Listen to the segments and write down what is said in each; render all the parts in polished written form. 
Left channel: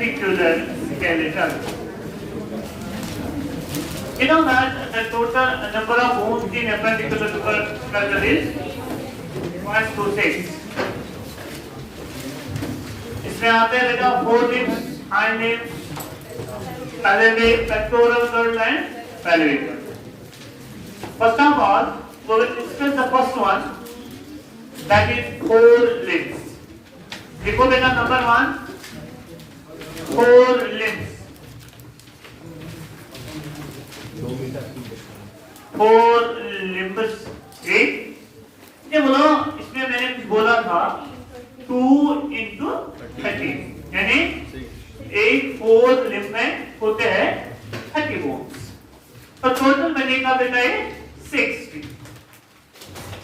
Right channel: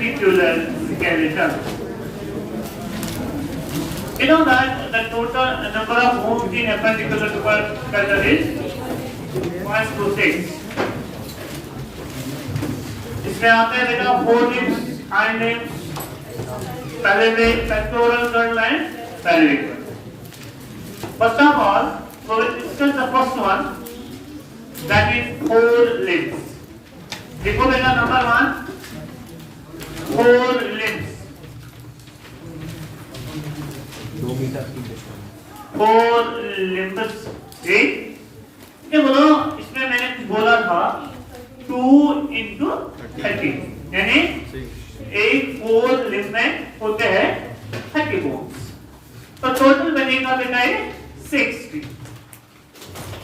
ventricular skeleton. You know that the total number of bones in appendicular skeleton is 126. इसमें आते हैं बेटा four limbs, hind limbs, pelvic, pectoral girdle and pelvic. First of all, we will discuss the first one, that is four limbs. देखो बेटा number 1, four limbs. Four limbs ठीक। ये बोलो इसमें मैंने कुछ बोला था 2 into 30 यानी एक फोर लिम्ब में होते हैं 30 बोन्स, तो टोटल बनेगा बेटा ये 60।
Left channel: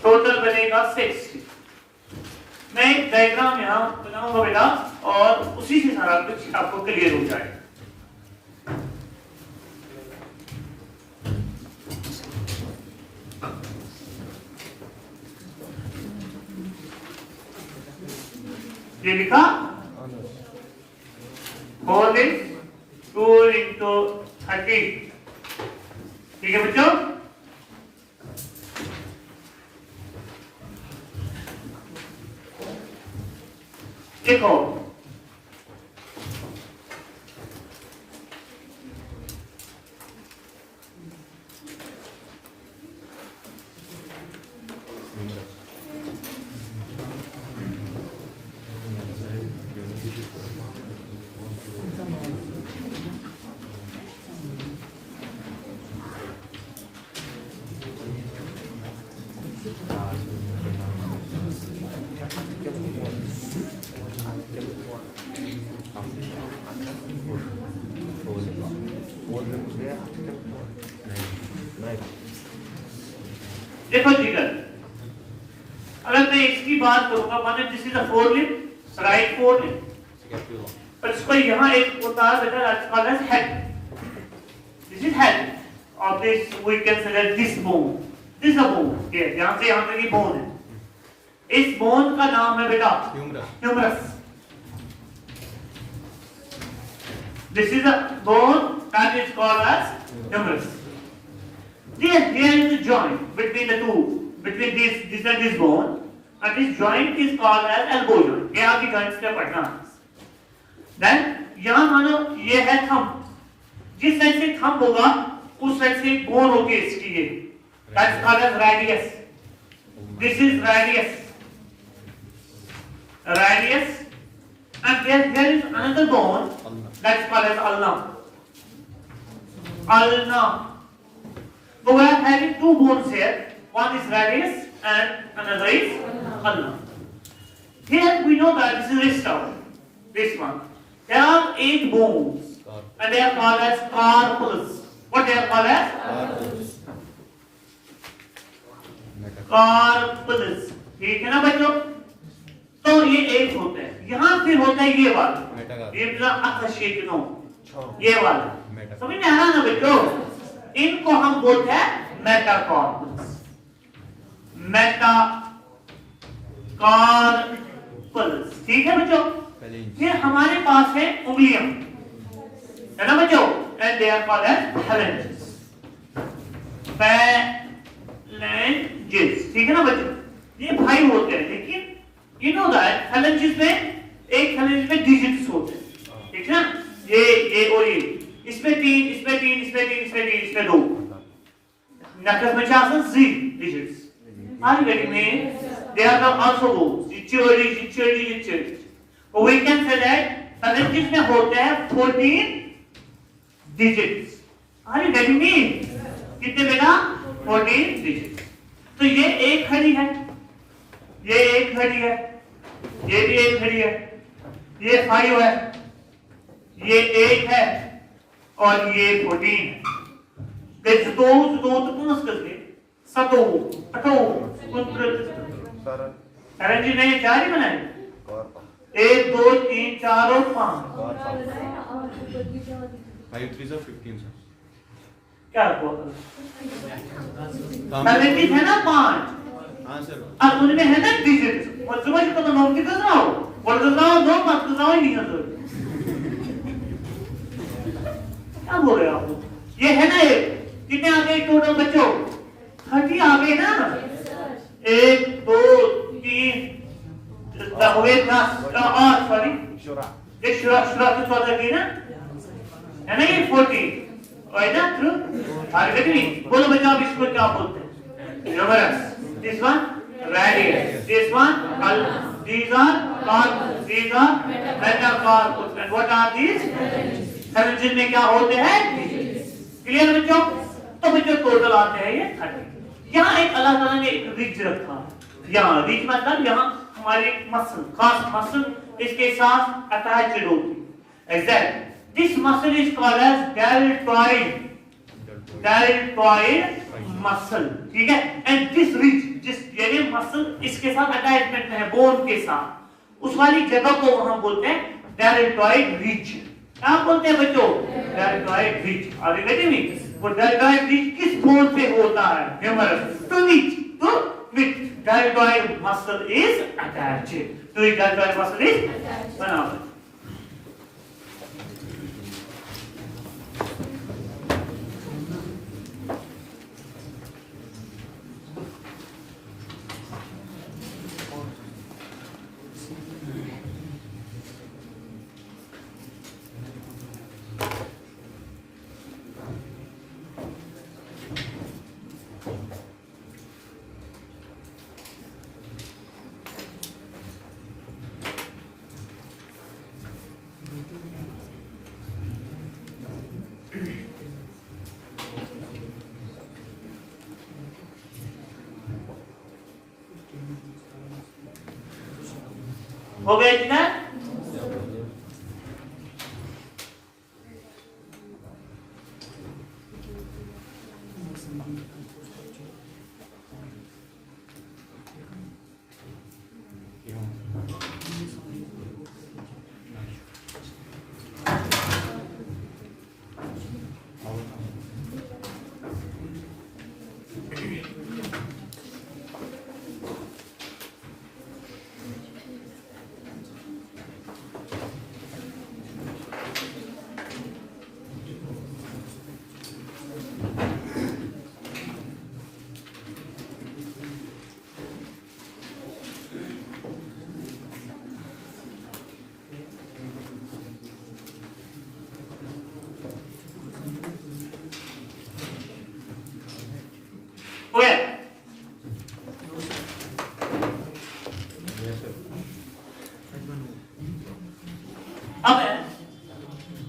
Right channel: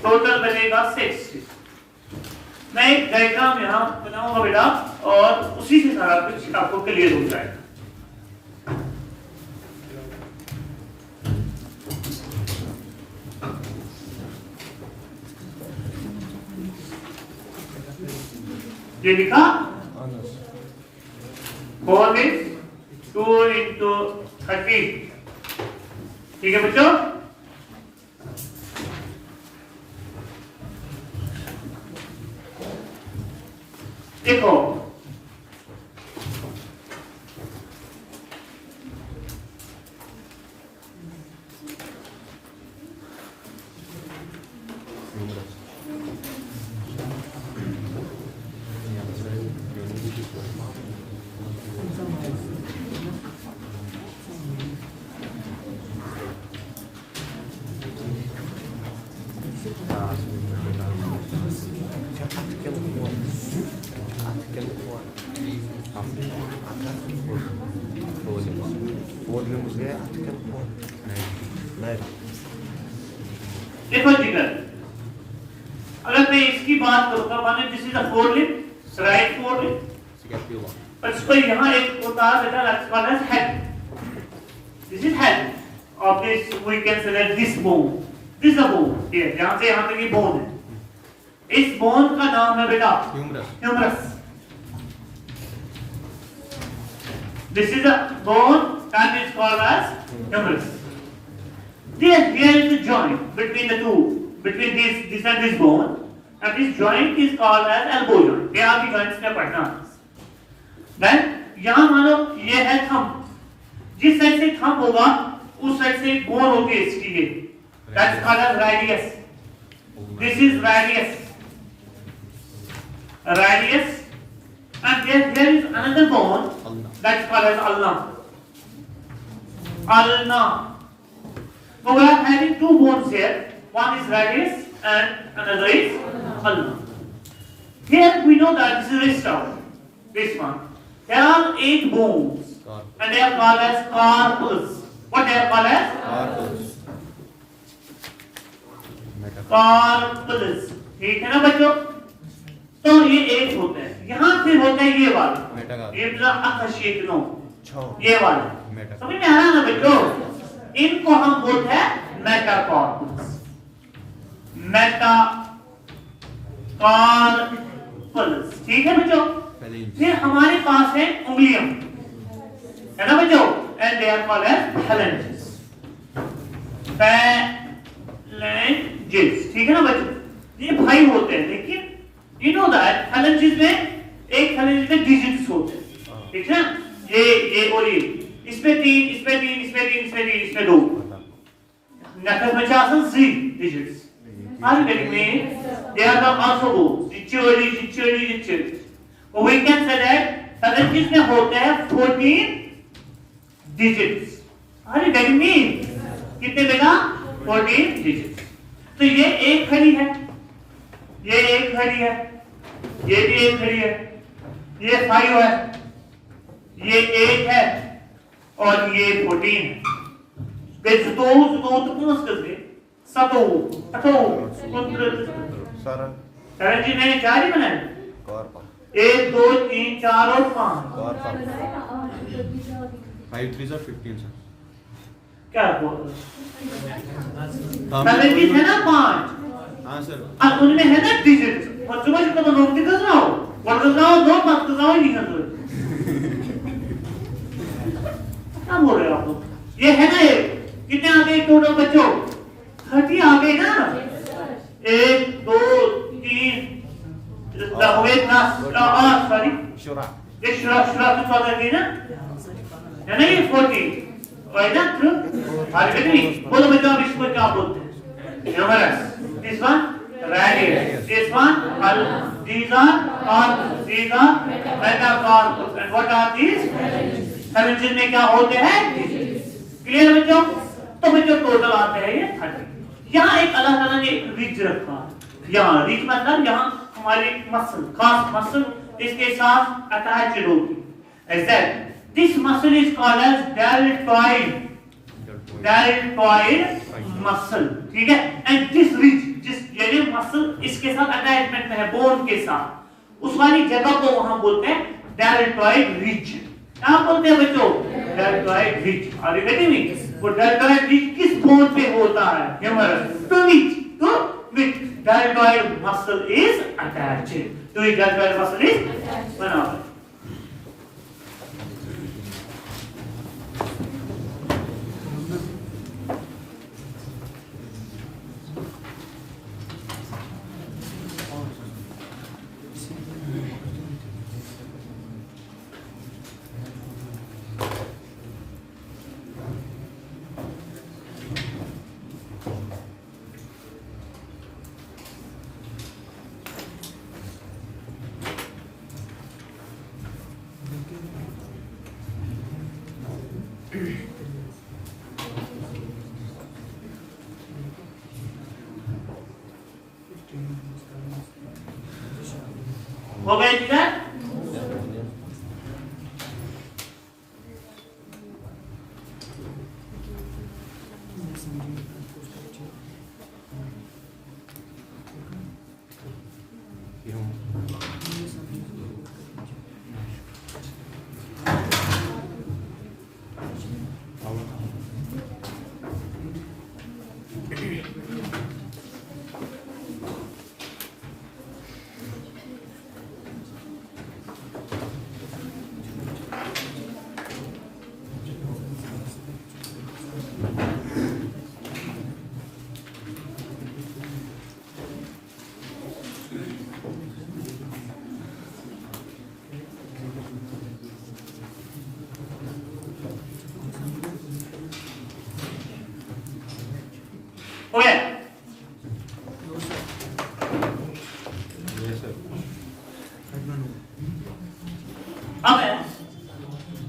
टोटल बनेगा 60। मैं एक डायग्राम यहाँ बनाऊंगा बेटा और उसी से सारा कुछ आपको क्लियर हो जाएगा। ये लिखा 4 is 2 into 30, ठीक है बच्चों। देखो देखो जिगर, अगर मैं इसकी बात करूंगा माने this is a four limb, right four limb, पर इसको यहाँ एक होता है बेटा that's called as head. This is head of this, we can say that this bone, this is a bone, ये जहां से यहां तक ये बोन है। इस बोन का नाम है बेटा humerus. This is a bone that is called as humerus. There is a joint between the two, between this and this bone, and this joint is called as elbow joint. ये आपकी joints का पढ़ना। Then यहाँ मानो ये है thumb, जिस साइड से thumb होगा उस साइड से एक bone होगी इसकी ये, that's called as radius. This is radius, and there is another bone that's called as ulna. So we are having two bones here. One is radius and another is ulna. Here we know that this is wrist out. This one. There are 8 bones, and they are called as carpals. What they are called as? Carpals. ठीक है ना बच्चों? तो ये 8 होते हैं। यहाँ फिर होता है ये वाला। ये पूरा अकशीटनो। ये वाला। समझ में आ रहा है ना बच्चों? इनको हम बोलते हैं मेटाकार्पल्स। ठीक है बच्चों। फिर हमारे पास है उंगलियां, है ना बच्चों, and they are called as phalanges। ठीक है ना बच्चों, ये भाई होते हैं, लेकिन यू नो दैट phalanges में एक phalanges में डिजिट्स होते हैं, ठीक है ना, ये और ये, इसमें 3, इसमें 3, इसमें 3, इसमें 3, इसमें 2, नखस में 3 digits। Are you getting me? They are the also bones, जिच्चड़ी। So we can say that phalanges में होते हैं 14 digits। Are you getting me? कितने बेटा? 14 digits। तो ये एक खड़ी है, ये एक खड़ी है, ये भी एक खड़ी है, ये 5 है, ये 1 है, और ये 14 है। जी नहीं 4 ही बनाए, 1 2 3 4 और 5। 5 3 सर 15 सर। क्या पहले है ना 5। हाँ सर। अब उनमें है ना डिजिट, और सुबह से तो नोट दिखा रहा हो, और तो ना 2 बात तो ना ही नहीं कर। ये है ना, ये कितने आ गए टोटल बच्चों? 30 आ गए ना। 1 2 3 हुए ना, सॉरी ये शुरा तो 14 की ना, है ना, ये 40 राइट ना, ट्रू। आगे नहीं बोलो बच्चों, आप इसको क्या बोलते हैं? Humerus. This one radius, this one these are metacarpals, and what are these? पहले में क्या होते हैं? क्लियर बच्चों? तो बच्चों टोटल आते हैं ये 30। यहाँ एक अल्लाह ताला ने एक रिज रखा है। यहाँ रिज मतलब यहाँ हमारी मसल, खास मसल इसके साथ अटैच्ड होती है। Exact. This muscle is called as deltoid muscle, ठीक है। And this ridge, जिस यानी मसल इसके साथ अटैचमेंट में है, बोन के साथ, उस वाली जगह को वहां बोलते हैं deltoid ridge। क्या बोलते हैं बच्चों? deltoid ridge। और बेटे में वो deltoid ridge किस बोन पे होता है? ह्यूमरस। तो which deltoid muscle is attached to which deltoid muscle is attached। हो गया जी ना?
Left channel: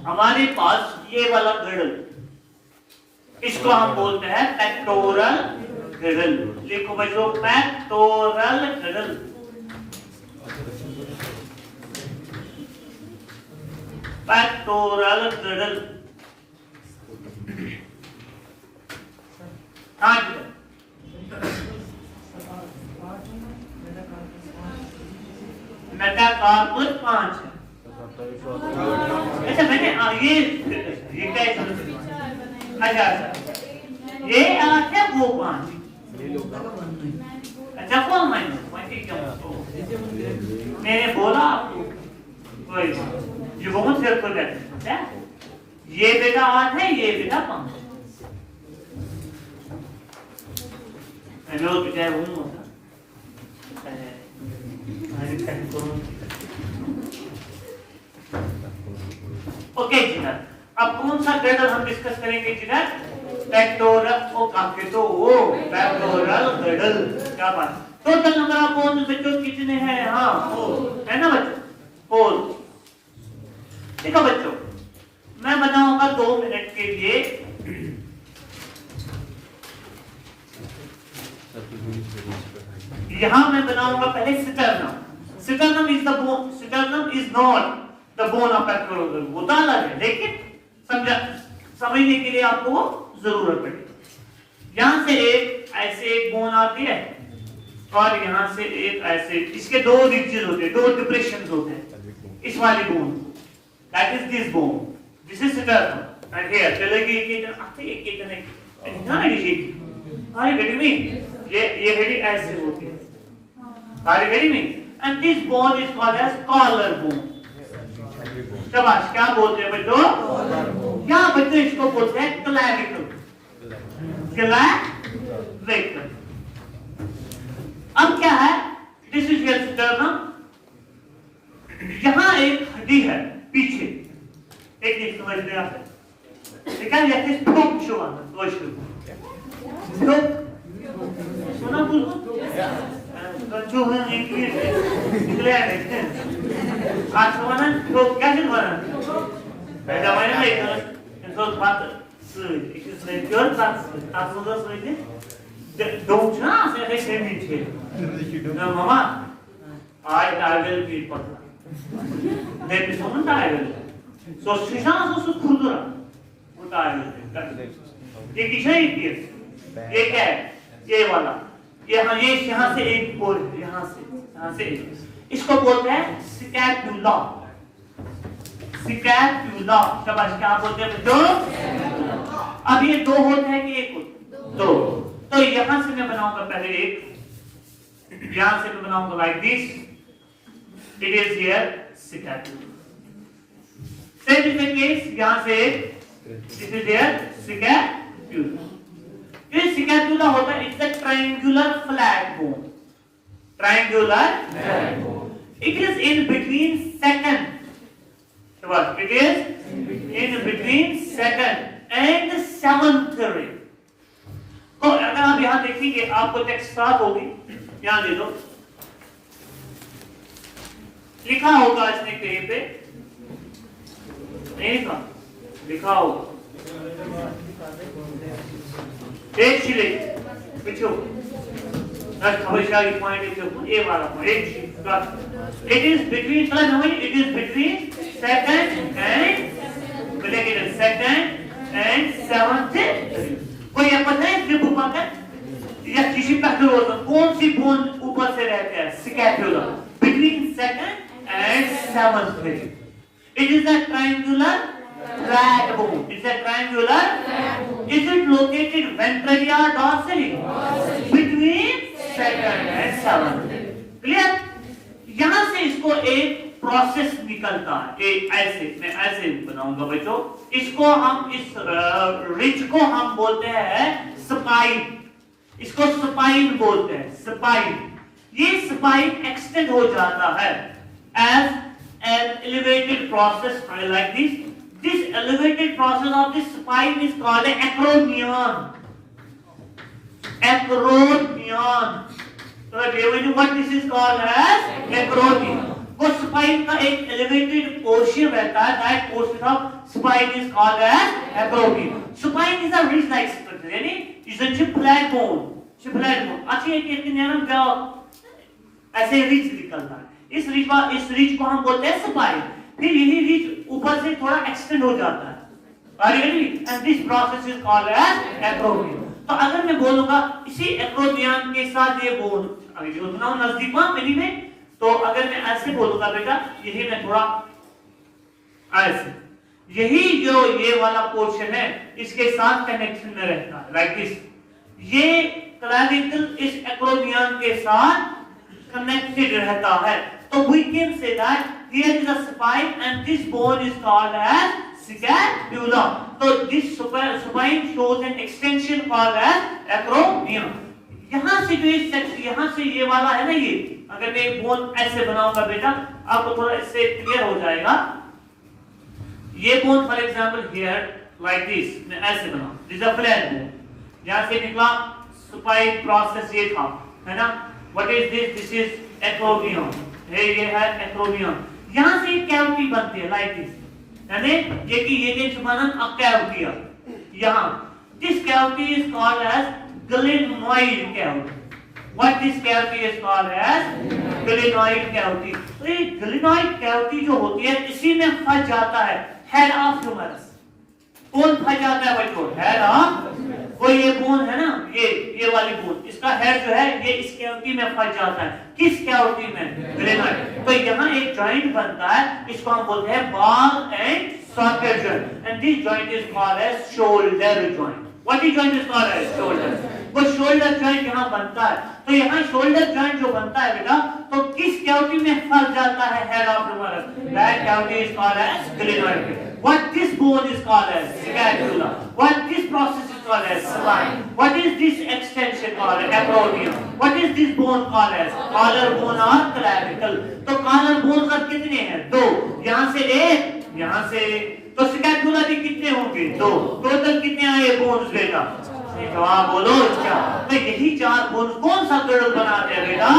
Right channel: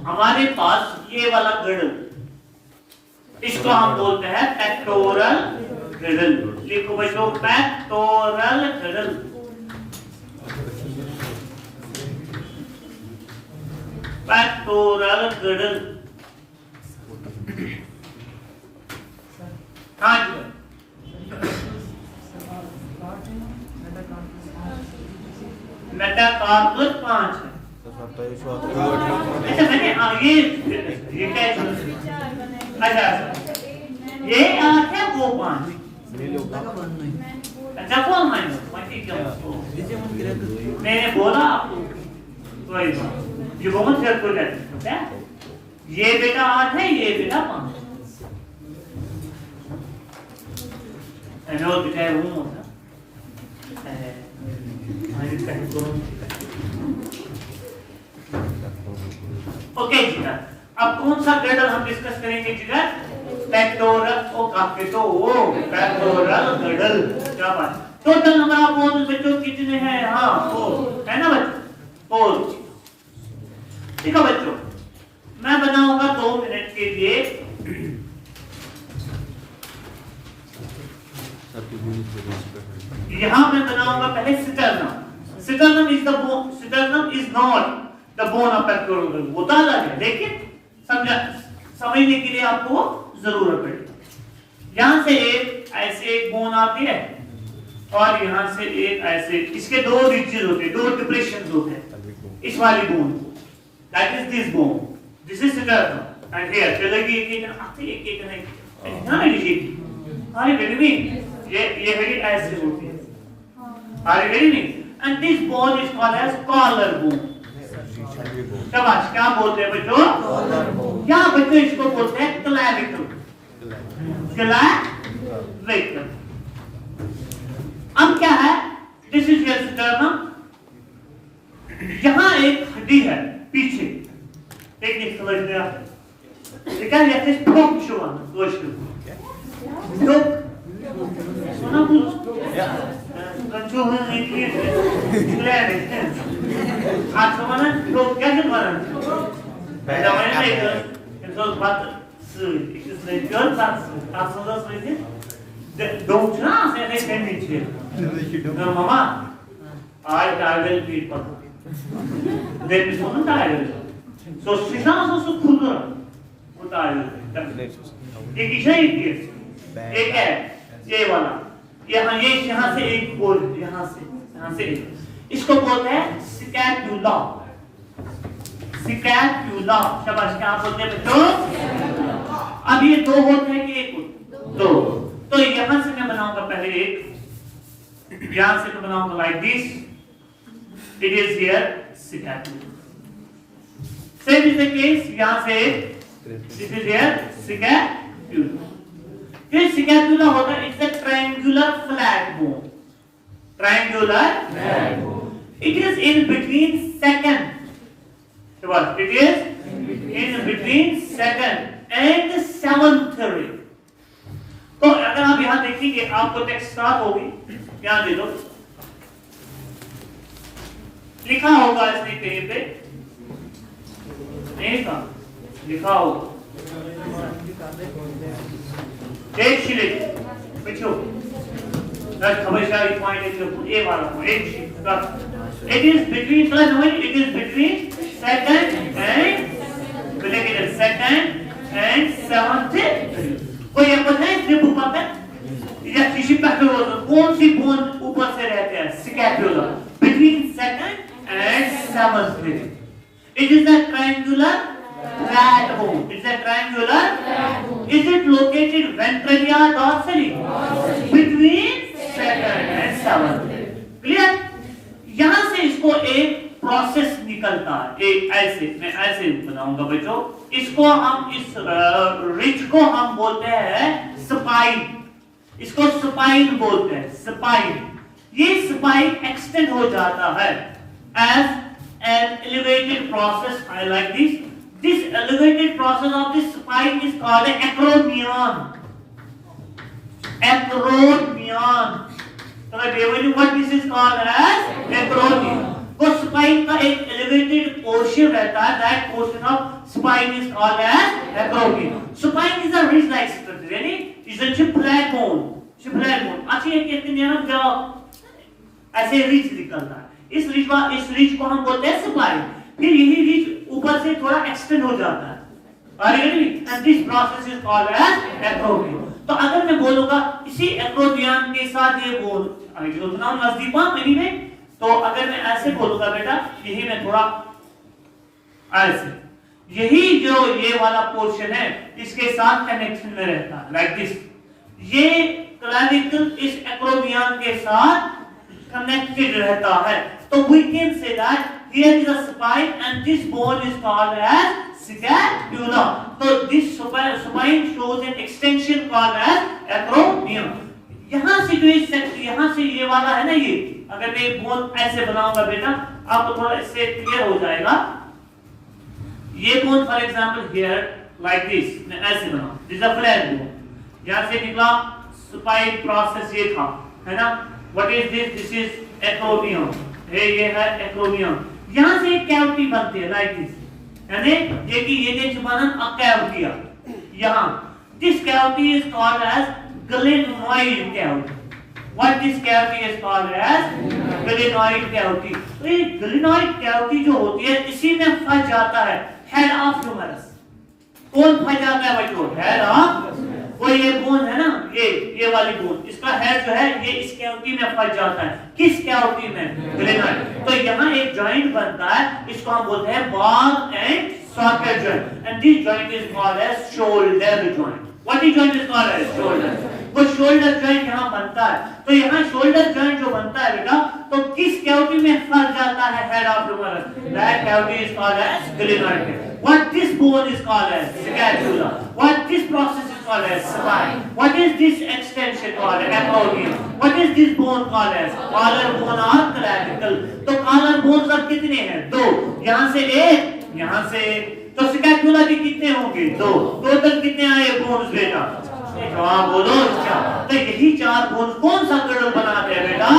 हमारे पास ये वाला गिडल, इसको हम बोलते हैं पेक्टोरल गिडल। लिखो बच्चों, पेक्टोरल गिडल। Pectoral girdle. हाँ जी, मेटाकार्पल 5 है। अच्छा मैंने ये क्या अच्छा ये क्या वो 5 अच्छा कौन मैंने बोला आपको कोई ये बहुत से को जाते हैं। ये बेटा 8 है, ये बेटा 5 है। मैं वो दिखाया हूँ होता ओके जी ना। अब कौन सा गिडल हम डिस्कस करेंगे जी ना? पेक्टोरल ओ काफी तो वो पेक्टोरल गिडल। क्या बात। टोटल नंबर ऑफ बोन्स बच्चों कितने हैं? हाँ 4 है ना बच्चों, 4। देखो बच्चों, मैं बनाऊंगा 2 मिनट के लिए। यहाँ मैं बनाऊंगा पहले sternum. Sternum is the bone, sternum is not the bone of pectoral girdle. वो तो अलग है, लेकिन समझने के लिए आपको वो जरूरत पड़ेगी। यहाँ से एक ऐसे एक बोन आती है और यहाँ से एक ऐसे, इसके 2 रिजेस होते हैं, 2 डिप्रेशंस होते हैं इस वाली बोन को। That is this bone, this is sternum and here चलेगी एक आते एक नहीं ना ये आई गेट मी। ये हेडी ऐसे होती है। I get me. And this bone is called as collar bone. शाबाश, क्या बोलते हैं बच्चों? क्या बच्चों इसको बोलते हैं? क्लैविकल। क्लैविकल। अब क्या है? This is your sternum. यहां एक हड्डी है पीछे, एक समझ लिया? क्या कहते हैं? सुना कुछ? एक है ये वाला, यहाँ से एक बोल, यहाँ से एक। इसको बोलते हैं स्कैपुला। स्कैपुला, शाबाश, क्या बोलते हैं बच्चों? अब ये दो होते हैं कि एक? दो। तो यहाँ से मैं बनाऊंगा पहले एक, यहाँ से मैं बनाऊंगा like this, it is here scapula. Same is the case, यहाँ से दिस इज हियर स्कैपुला। ये स्कैपुला होता है, it's a triangular flat bone. Triangular flat bone. It is in between second, शाबाश, it is in between second and seventh rib. तो अगर आप यहां देखेंगे, आपको टेक्स्ट स्टार्ट होगी, ध्यान दे दो, लिखा होगा इसमें पेज पे, नहीं लिखा होगा बच्चों, ए वाला it is between second and seventh। कोई आपको नहीं रिब ऊपर या किसी कौन सी बोन ऊपर से रहते हैं? Scapula, between second and seventh rib। It is a triangular flat bone. It's a triangular flat bone. Is it located ventrally or dorsally? Between second and seventh rib। Clear? यहाँ से इसको एक प्रोसेस निकलता है, एक ऐसे, मैं ऐसे बनाऊंगा बच्चों। इसको हम, इस रिज को हम बोलते हैं स्पाइन। इसको स्पाइन बोलते हैं, स्पाइन। ये स्पाइन एक्सटेंड हो जाता है as an elevated process, I like this। This elevated process of the spine is called an acromion। Acromion। तो what this is called as acromion। वो स्पाइन का एक एलिवेटेड पोर्शन रहता है, that portion of spine is called as acromion। Spine is a ridge-like structure, यानी is a chip-like bone। chip-like bone। अच्छी है कि इसके अंदर जो ऐसे रिज निकलता है, इस रिज को हम बोलते हैं स्पाइन। फिर यही रिज ऊपर से थोड़ा एक्सटेंड हो जाता है, and this process is called as acromion। तो अगर मैं बोलूंगा इसी acromion के साथ ये बोन नजदीक में, तो अगर मैं ऐसे बोलूंगा बेटा, यही मैं थोड़ा ऐसे, यही जो ये वाला पोर्शन है इसके साथ कनेक्शन में रहता है, लाइक दिस। ये क्लैविकल इस एक्रोमियन के साथ कनेक्टेड रहता है। तो we can say that here is a spine and this bone is called as scapula। So this spine shows an extension called as acromion। यहाँ से जो यहाँ से ये वाला है ना, ये अगर मैं एक बोन ऐसे बनाऊंगा बेटा, आपको थोड़ा इससे क्लियर हो जाएगा। ये bone for example here like this, मैं ऐसे बनाऊं, दिस अ फ्लैट बोन। यहाँ से निकला स्पाइन प्रोसेस, ये था, है ना। What is this? This is acromion. ये है एक्रोमियन। यहाँ से एक कैविटी बनती है लाइक दिस, यानी ये कि ये छुपाना अब कैविटी है यहाँ। This cavity is called as glenoid cavity। What this cavity is called as glenoid cavity। तो ये glenoid cavity जो होती है, इसी में फंस जाता है head of humerus। कौन फंस जाता है बच्चों? head of, वो ये बोन है ना, ये वाली बोन, इसका हेड जो है ये इस कैविटी में फंस जाता है। किस कैविटी में? glenoid। तो यहाँ एक जॉइंट बनता है, इसको हम बोलते हैं ball and socket joint, and this joint is called as shoulder joint। What is joint is called as shoulder। वो शोल्डर जॉइंट यहाँ बनता है। तो यहाँ शोल्डर जॉइंट जो बनता है बेटा, तो किस कैविटी में फंस जाता है head of humerus? That cavity is called as glenoid. What this bone is called as scapula. What this process is called as spine. What is this extension called as acromion. What is this bone called as collarbone or clavicle. तो collarbone का कितने हैं? दो। यहाँ से एक, यहाँ से एक। तो scapula के कितने होंगे? दो। टोटल कितने आए बोन्स बेटा? जवाब बोलो क्या? तो यही चार बोन्स कौन सा गिrdle बनाते हैं बेटा?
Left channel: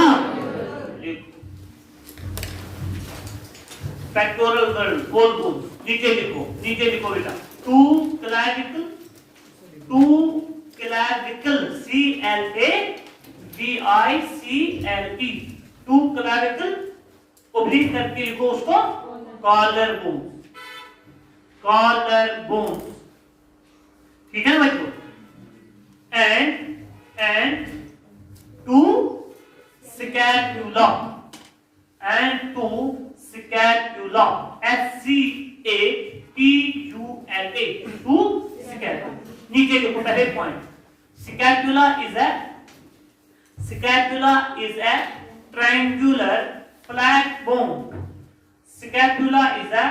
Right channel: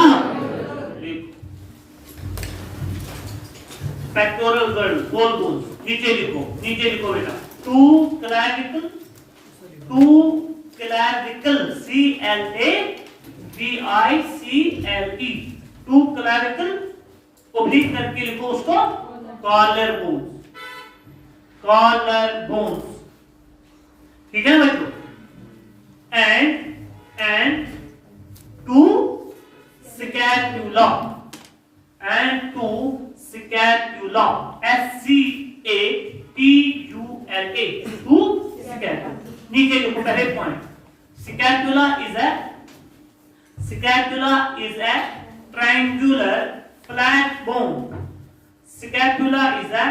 Pectoral girdle, whole bones. नीचे लिखो बेटा। Two clavicle, C-L-A-V-I-C-L-E, two clavicle, oblique करके लिखो उसको collar bones, ठीक है बच्चों? And two scapula, S-C-A-T-U-L-A, two scapula. नीचे लिखो पहले point. Scapula is a triangular flat bone. Scapula is a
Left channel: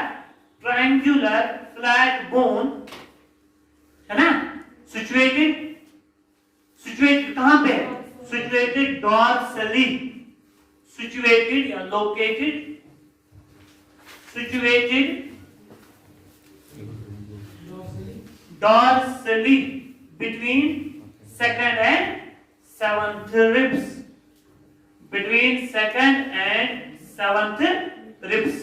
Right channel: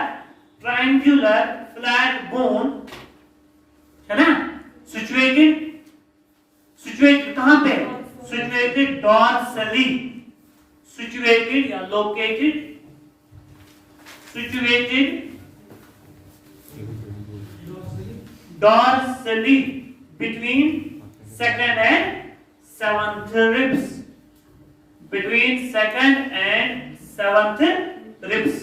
triangular flat bone, है ना? Situated कहाँ पे? Situated dorsally, situated या located, situated dorsally between second and seventh ribs, between second and seventh ribs.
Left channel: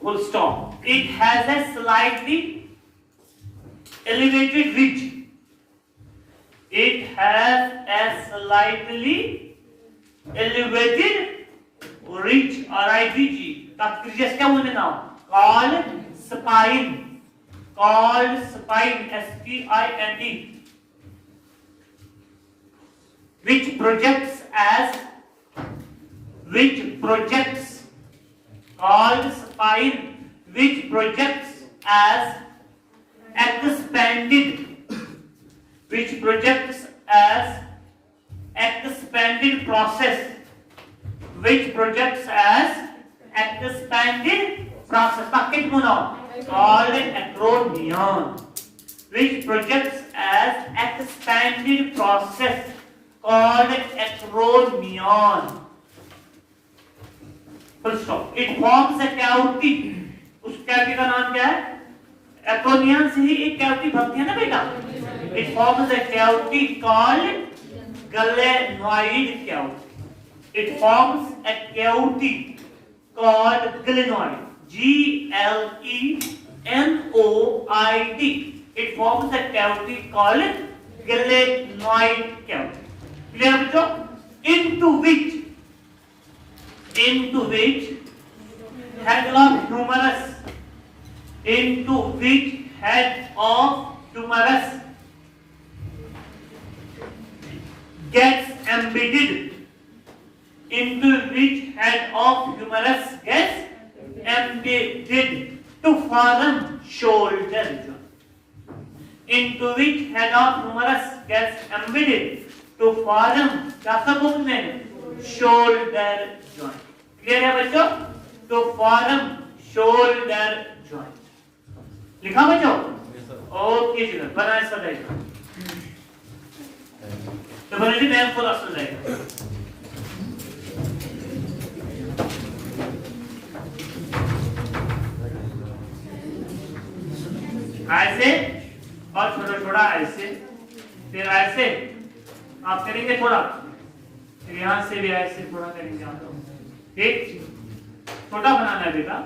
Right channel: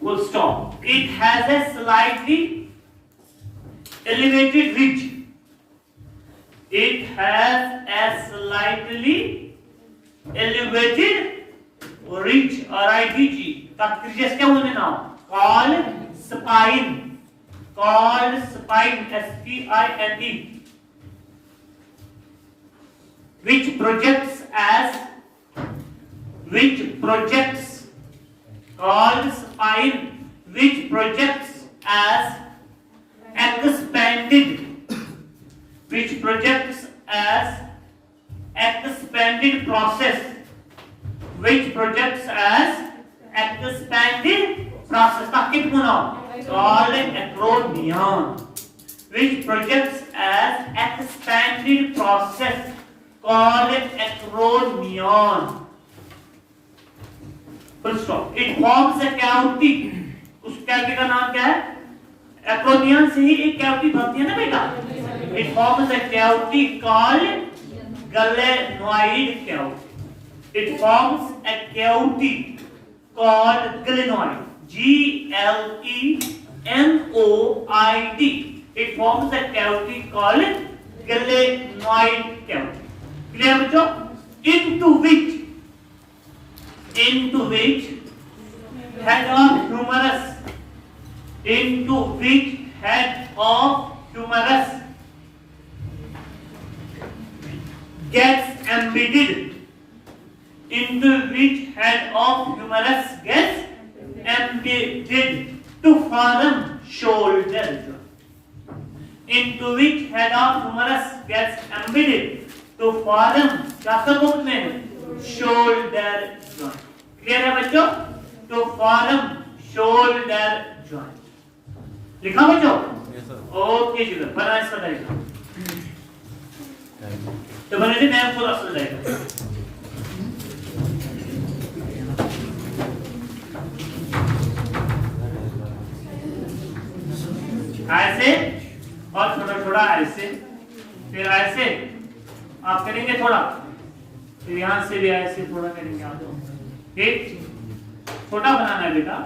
Full stop. It has a slightly elevated ridge. It has a slightly elevated ridge, R-I-D-G. तात्पर्य क्या बोलने ना? Called spine, S-P-I-N-E, which projects called spine, which projects as expanded, process, bucket mono, called acromion, which projects as expanded process, called acromion. Full stop. It forms a cavity. उस cavity का नाम क्या है? Acromion से ही एक cavity बनती है ना बेटा? It forms a cavity called glenoid cavity. It forms a cavity called glenoid. G-L-E-N-O-I-D. It forms a cavity called glenoid cavity. Clear बच्चों? Into which head of humerus gets embedded, to form shoulder joint. Into which head of humerus gets embedded to form क्या सब बोलते हैं? Shoulder joint. Clear है बच्चों? To form shoulder joint. लिखा बच्चों? ओके जी, बना इसका डायग्राम। तो बने जी मैं थोड़ा सा डायग्राम। ऐसे और छोटा ऐसे, फिर ऐसे आप करेंगे थोड़ा, फिर यहाँ से भी ऐसे थोड़ा करेंगे आप लोग। ठीक, छोटा बनाना है बेटा।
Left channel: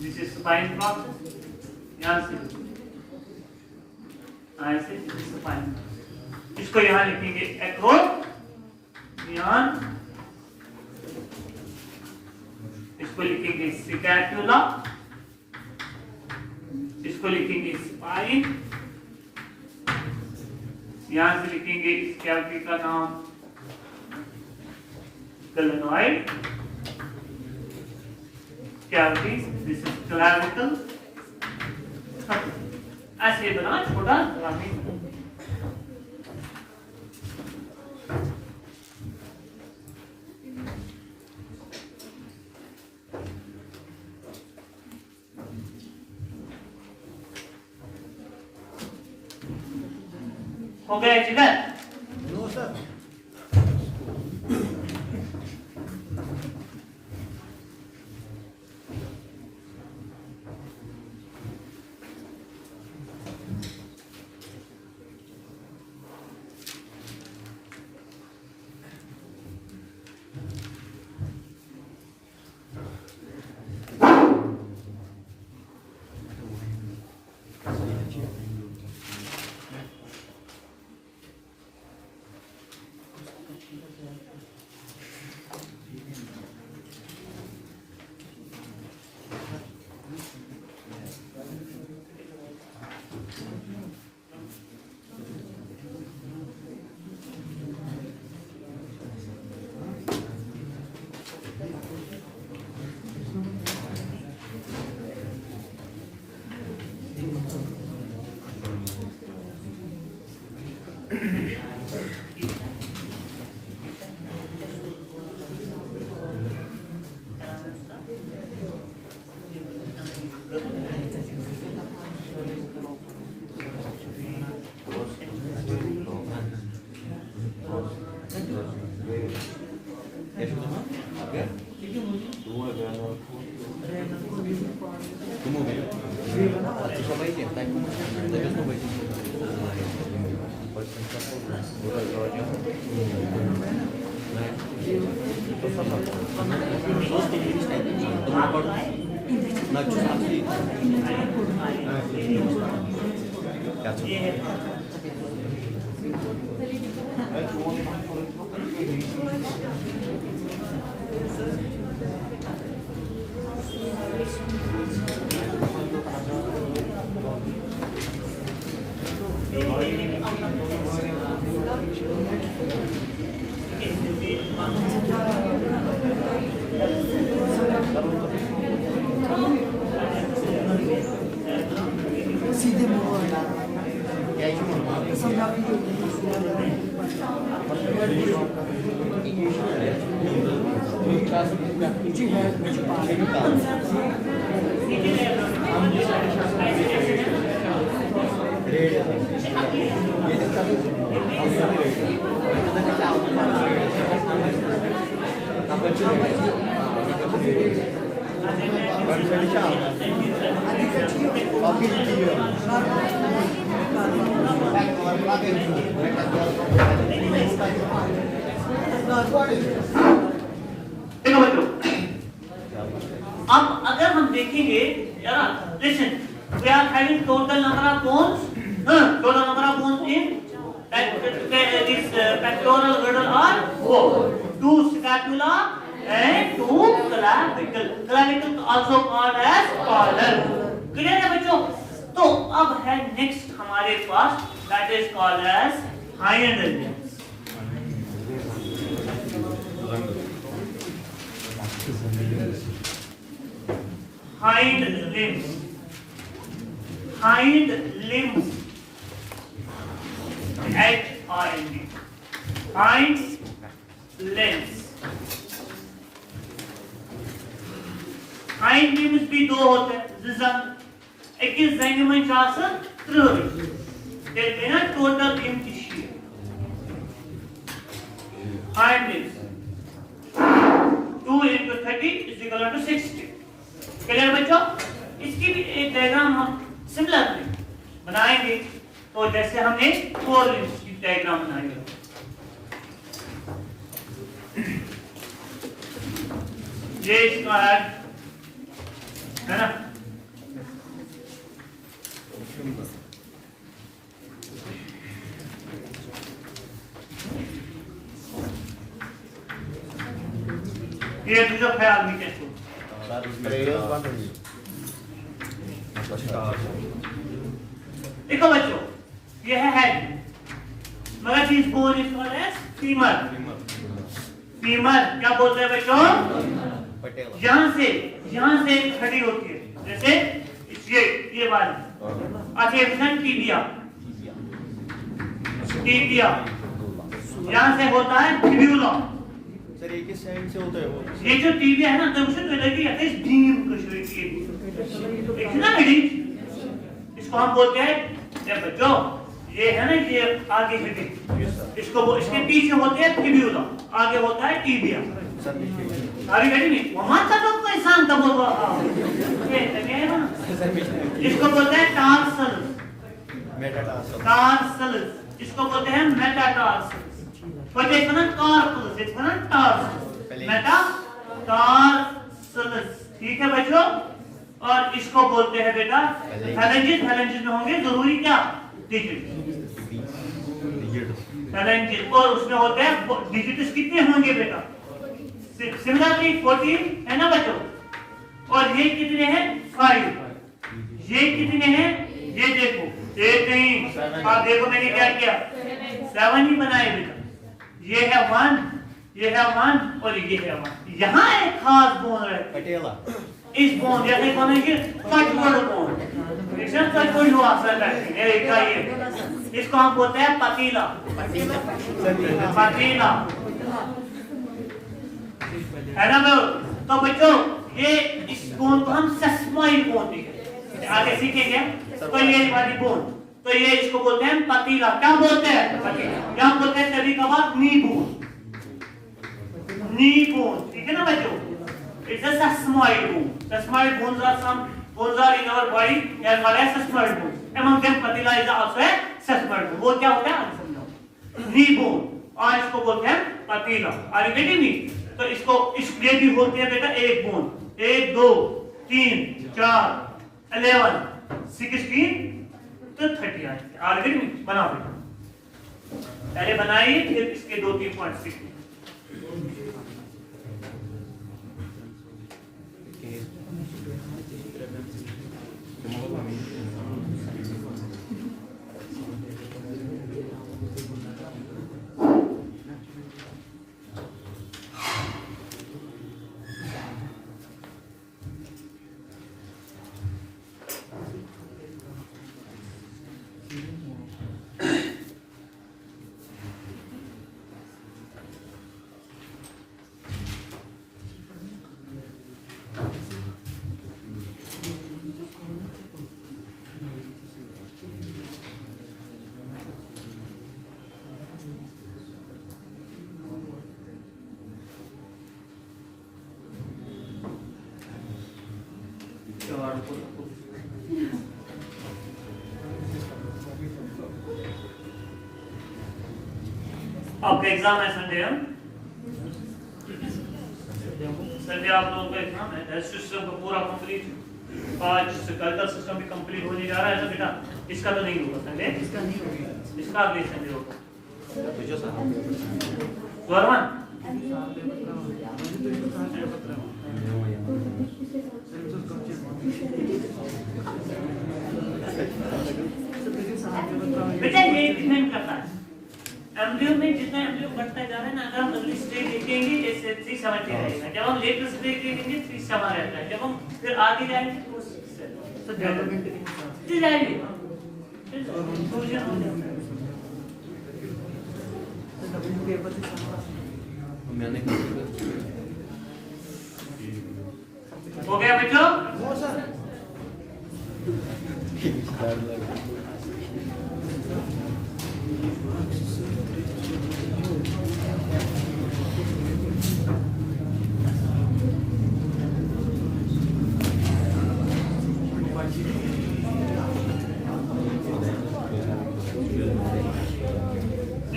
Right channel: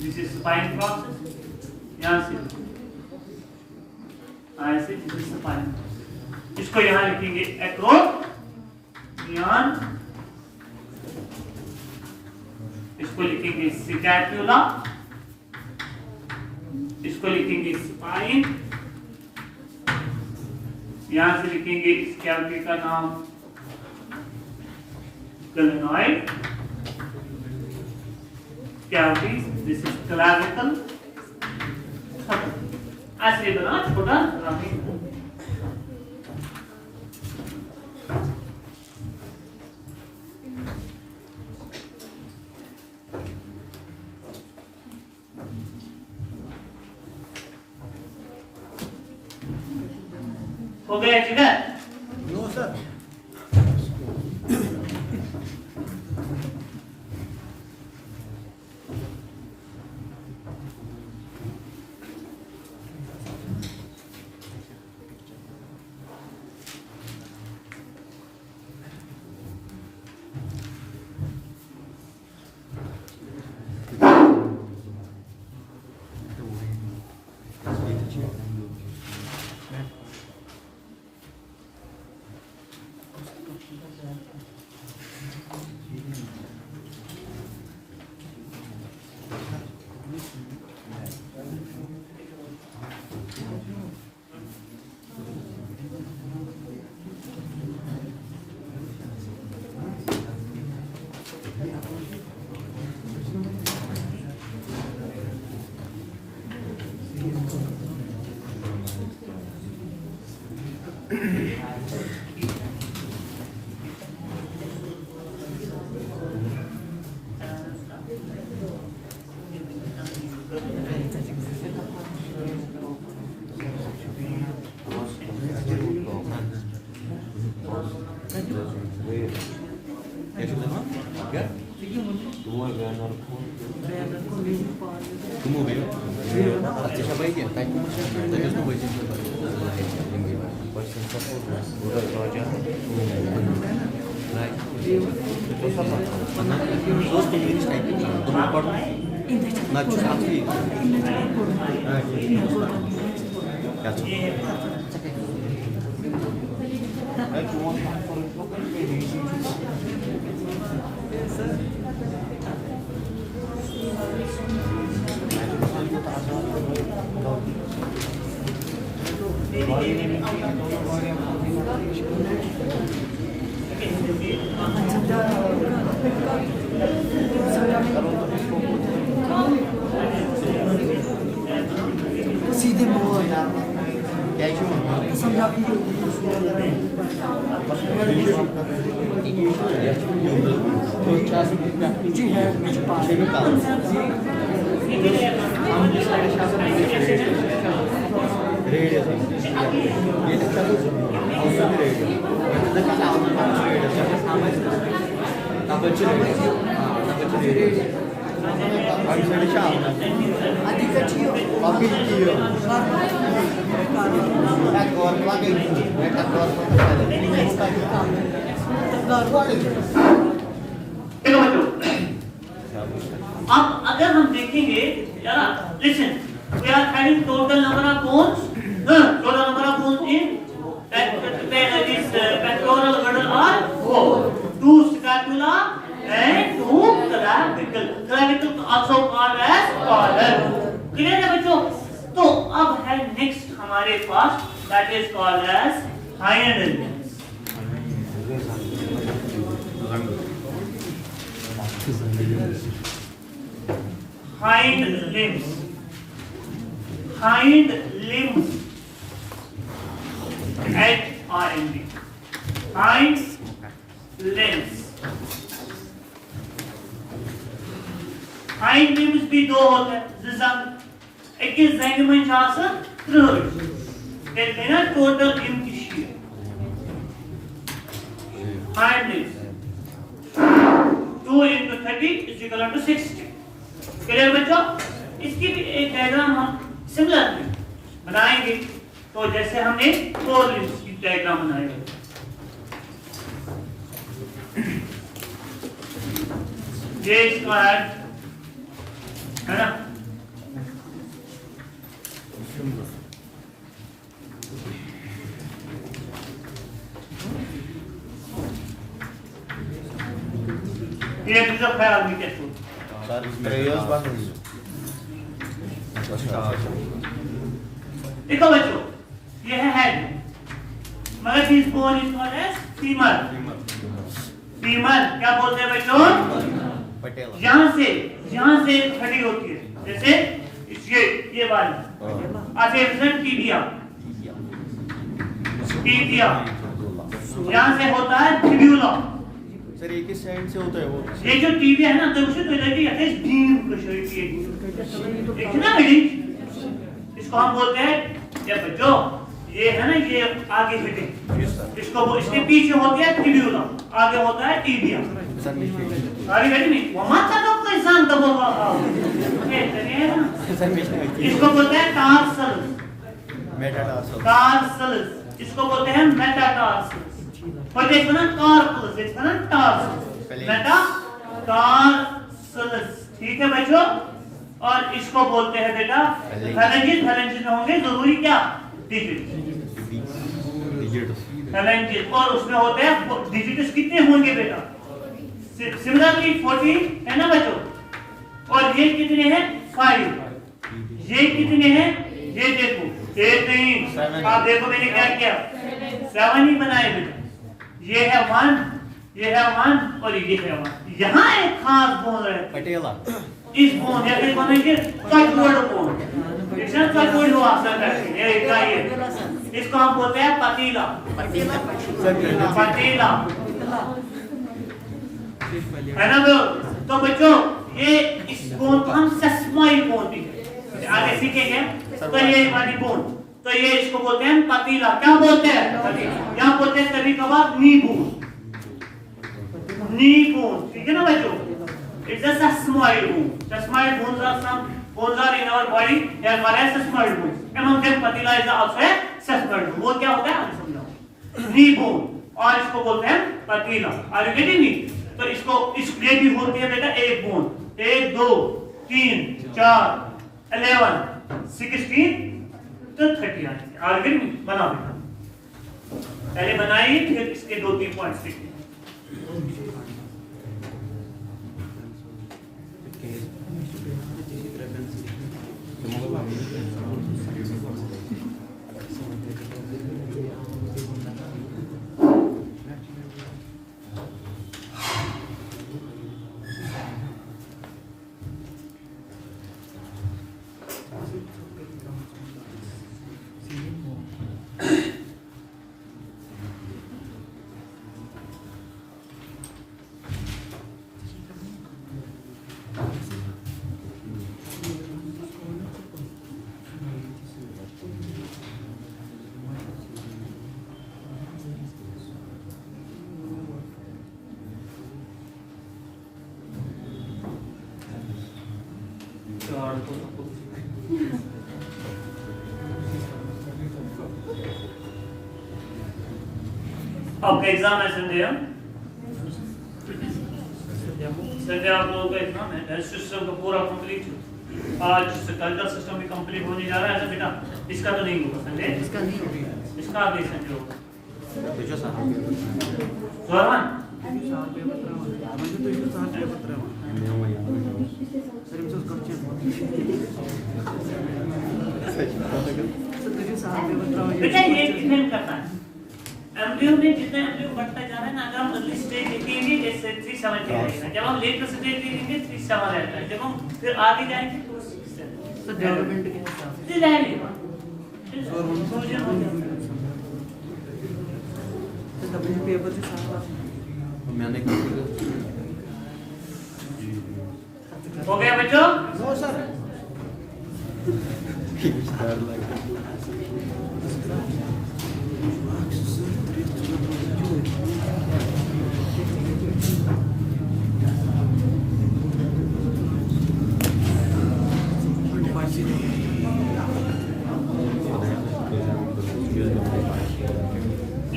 दिस इज स्पाइन प्रोसेस, यहाँ से ऐसे, दिस इज स्पाइन। इसको यहाँ लिखेंगे एक्रोमियन, इसको लिखेंगे स्कैपुला, इसको लिखेंगे स्पाइन, यहां से लिखेंगे इस कैविटी का नाम glenoid cavity. This is clavicle. ऐसे बना छोटा रामी। हो गया ठीक है? No sir. देखो बच्चों, अब अगर हम देखेंगे यार, listen, we are having total number of bones, total number of bones in this pectoral girdle are 4, 2 scapula and 2 clavicle. Clavicle also called as collar. Clear है बच्चों? तो अब है next हमारे पास, that is called as hind limbs. Hind limbs. Hind limbs. H-I-N-D. Hind limbs. Hind limbs भी दो होते हैं. एक इस जंग में जाकर त्रिभुज. कहते हैं ना total limb tissue. Hind limbs. 2 into 30 is equal to 60. क्लियर बच्चों? इसकी भी एक डायग्राम हम सिमिलर बनाएंगे. तो जैसे हमने 4 लिम्स की डायग्राम बनाई ये इसका है ना. ये रिजर्व है आदमी के थ्रू. देखो बच्चों, ये है हेड, मगर this bone is called as femur. Femur क्या बोलते हैं बच्चों? यहाँ से खड़ी होती है, जैसे ये वाली. अच्छा इसमें टीबिया, टीबिया यहाँ से होता है फिब्यूला। सर एक ही साइड से होता है वो। ये जो टीबिया है ना तो उसे लगी है इस बीम को शरीर एक ना बिल्डिंग, इसको हम बोलते हैं ये बच्चों, ये है ना ये आगे हिटिंग, इसको वो इसके पीछे होती है फिब्यूला, आगे होता है टीबिया। सारी बेटी नहीं वो मत तो कोई इंसान तब होगा ये है ना, इसको बोलते हैं टार्सल, मेटाटार्सल, टार्सल, इसको बोलते हैं मेटाटार्सल। और देखो ना कार्पस, इसको ना टार्सल, मेटाटार्सल, ठीक है बच्चों। और इसको बोलते हैं बेटा फैलेंजेस, फैलेंजेस में होंगे जरूरी क्या डिजिट, फैलेंजेस, और उसमें होते हैं डिजिट्स कितने होंगे बेटा, सिमिलरली 14 है ना बच्चों। और ये कितने हैं 5, ये कितने हैं ये देखो, एक नहीं आप देखो मैंने क्या किया 7 ही बनाए बेटा, ये है 1, ये है 1 और ये है 1। यहाँ एक खास बोन है पटेला, इस बोन जैसे बनेंगे कटवर्ड बोन, इसमें तो कोई हुआ असर नहीं है, ये इसको हम बोलते हैं पतीला, पतीला है ना। तो बच्चों ये इस बोन को हम सेस्मॉइड बोन भी कहते हैं, आगे सीखेंगे। तो ये वाली बोन, तो ये इसको बोलते हैं पतीला, क्या बोलते हैं पतीला, यहाँ बोलते हैं कभी कभार नी बोन, नी बोन, ठीक है ना बच्चों। It's a sesamoid bone, sesamoid bones are some bones are in our body, they are called as sesamoid bones. Among them patella is also a sesamoid bone. वो क्या होता है आप समझो, नी बोन, और इसको बोलते हैं patella. Are you getting me? तो इसको इसलिए भी होती है बेटा एक बोन, 1 2 3 4 11 16 तो 30 आती है। आर यू बनाओ बेटा, पहले बनाइए फिर इसके 2-3 पॉइंट्स लिखिए। आपका एग्जाम है संडे, संडे आप लोगों का एग्जाम है, हेल्थ सिस्टम का पूरा कंप्लीट, आज से कल का सिस्टम भी कंप्लीट होने जा रहा है ना बेटा। इसका तो नहीं होगा संडे, इसका नहीं होगा, इसका अगले संडे होगा। बेटा ये डिपेंड करता है एम्ब्रियो में, जितना एम्ब्रियो बढ़ता जा रहा है ना, अगर हम अर्ली स्टेज देखेंगे जैसे 370 रहेगा, जब हम लेटर स्टेज देखेंगे 37 रहता है, जब हम फिर आगे जाएंगे तो डेवलपमेंट के हिसाब से जाएगा। मैंने हो गया बच्चों? No sir.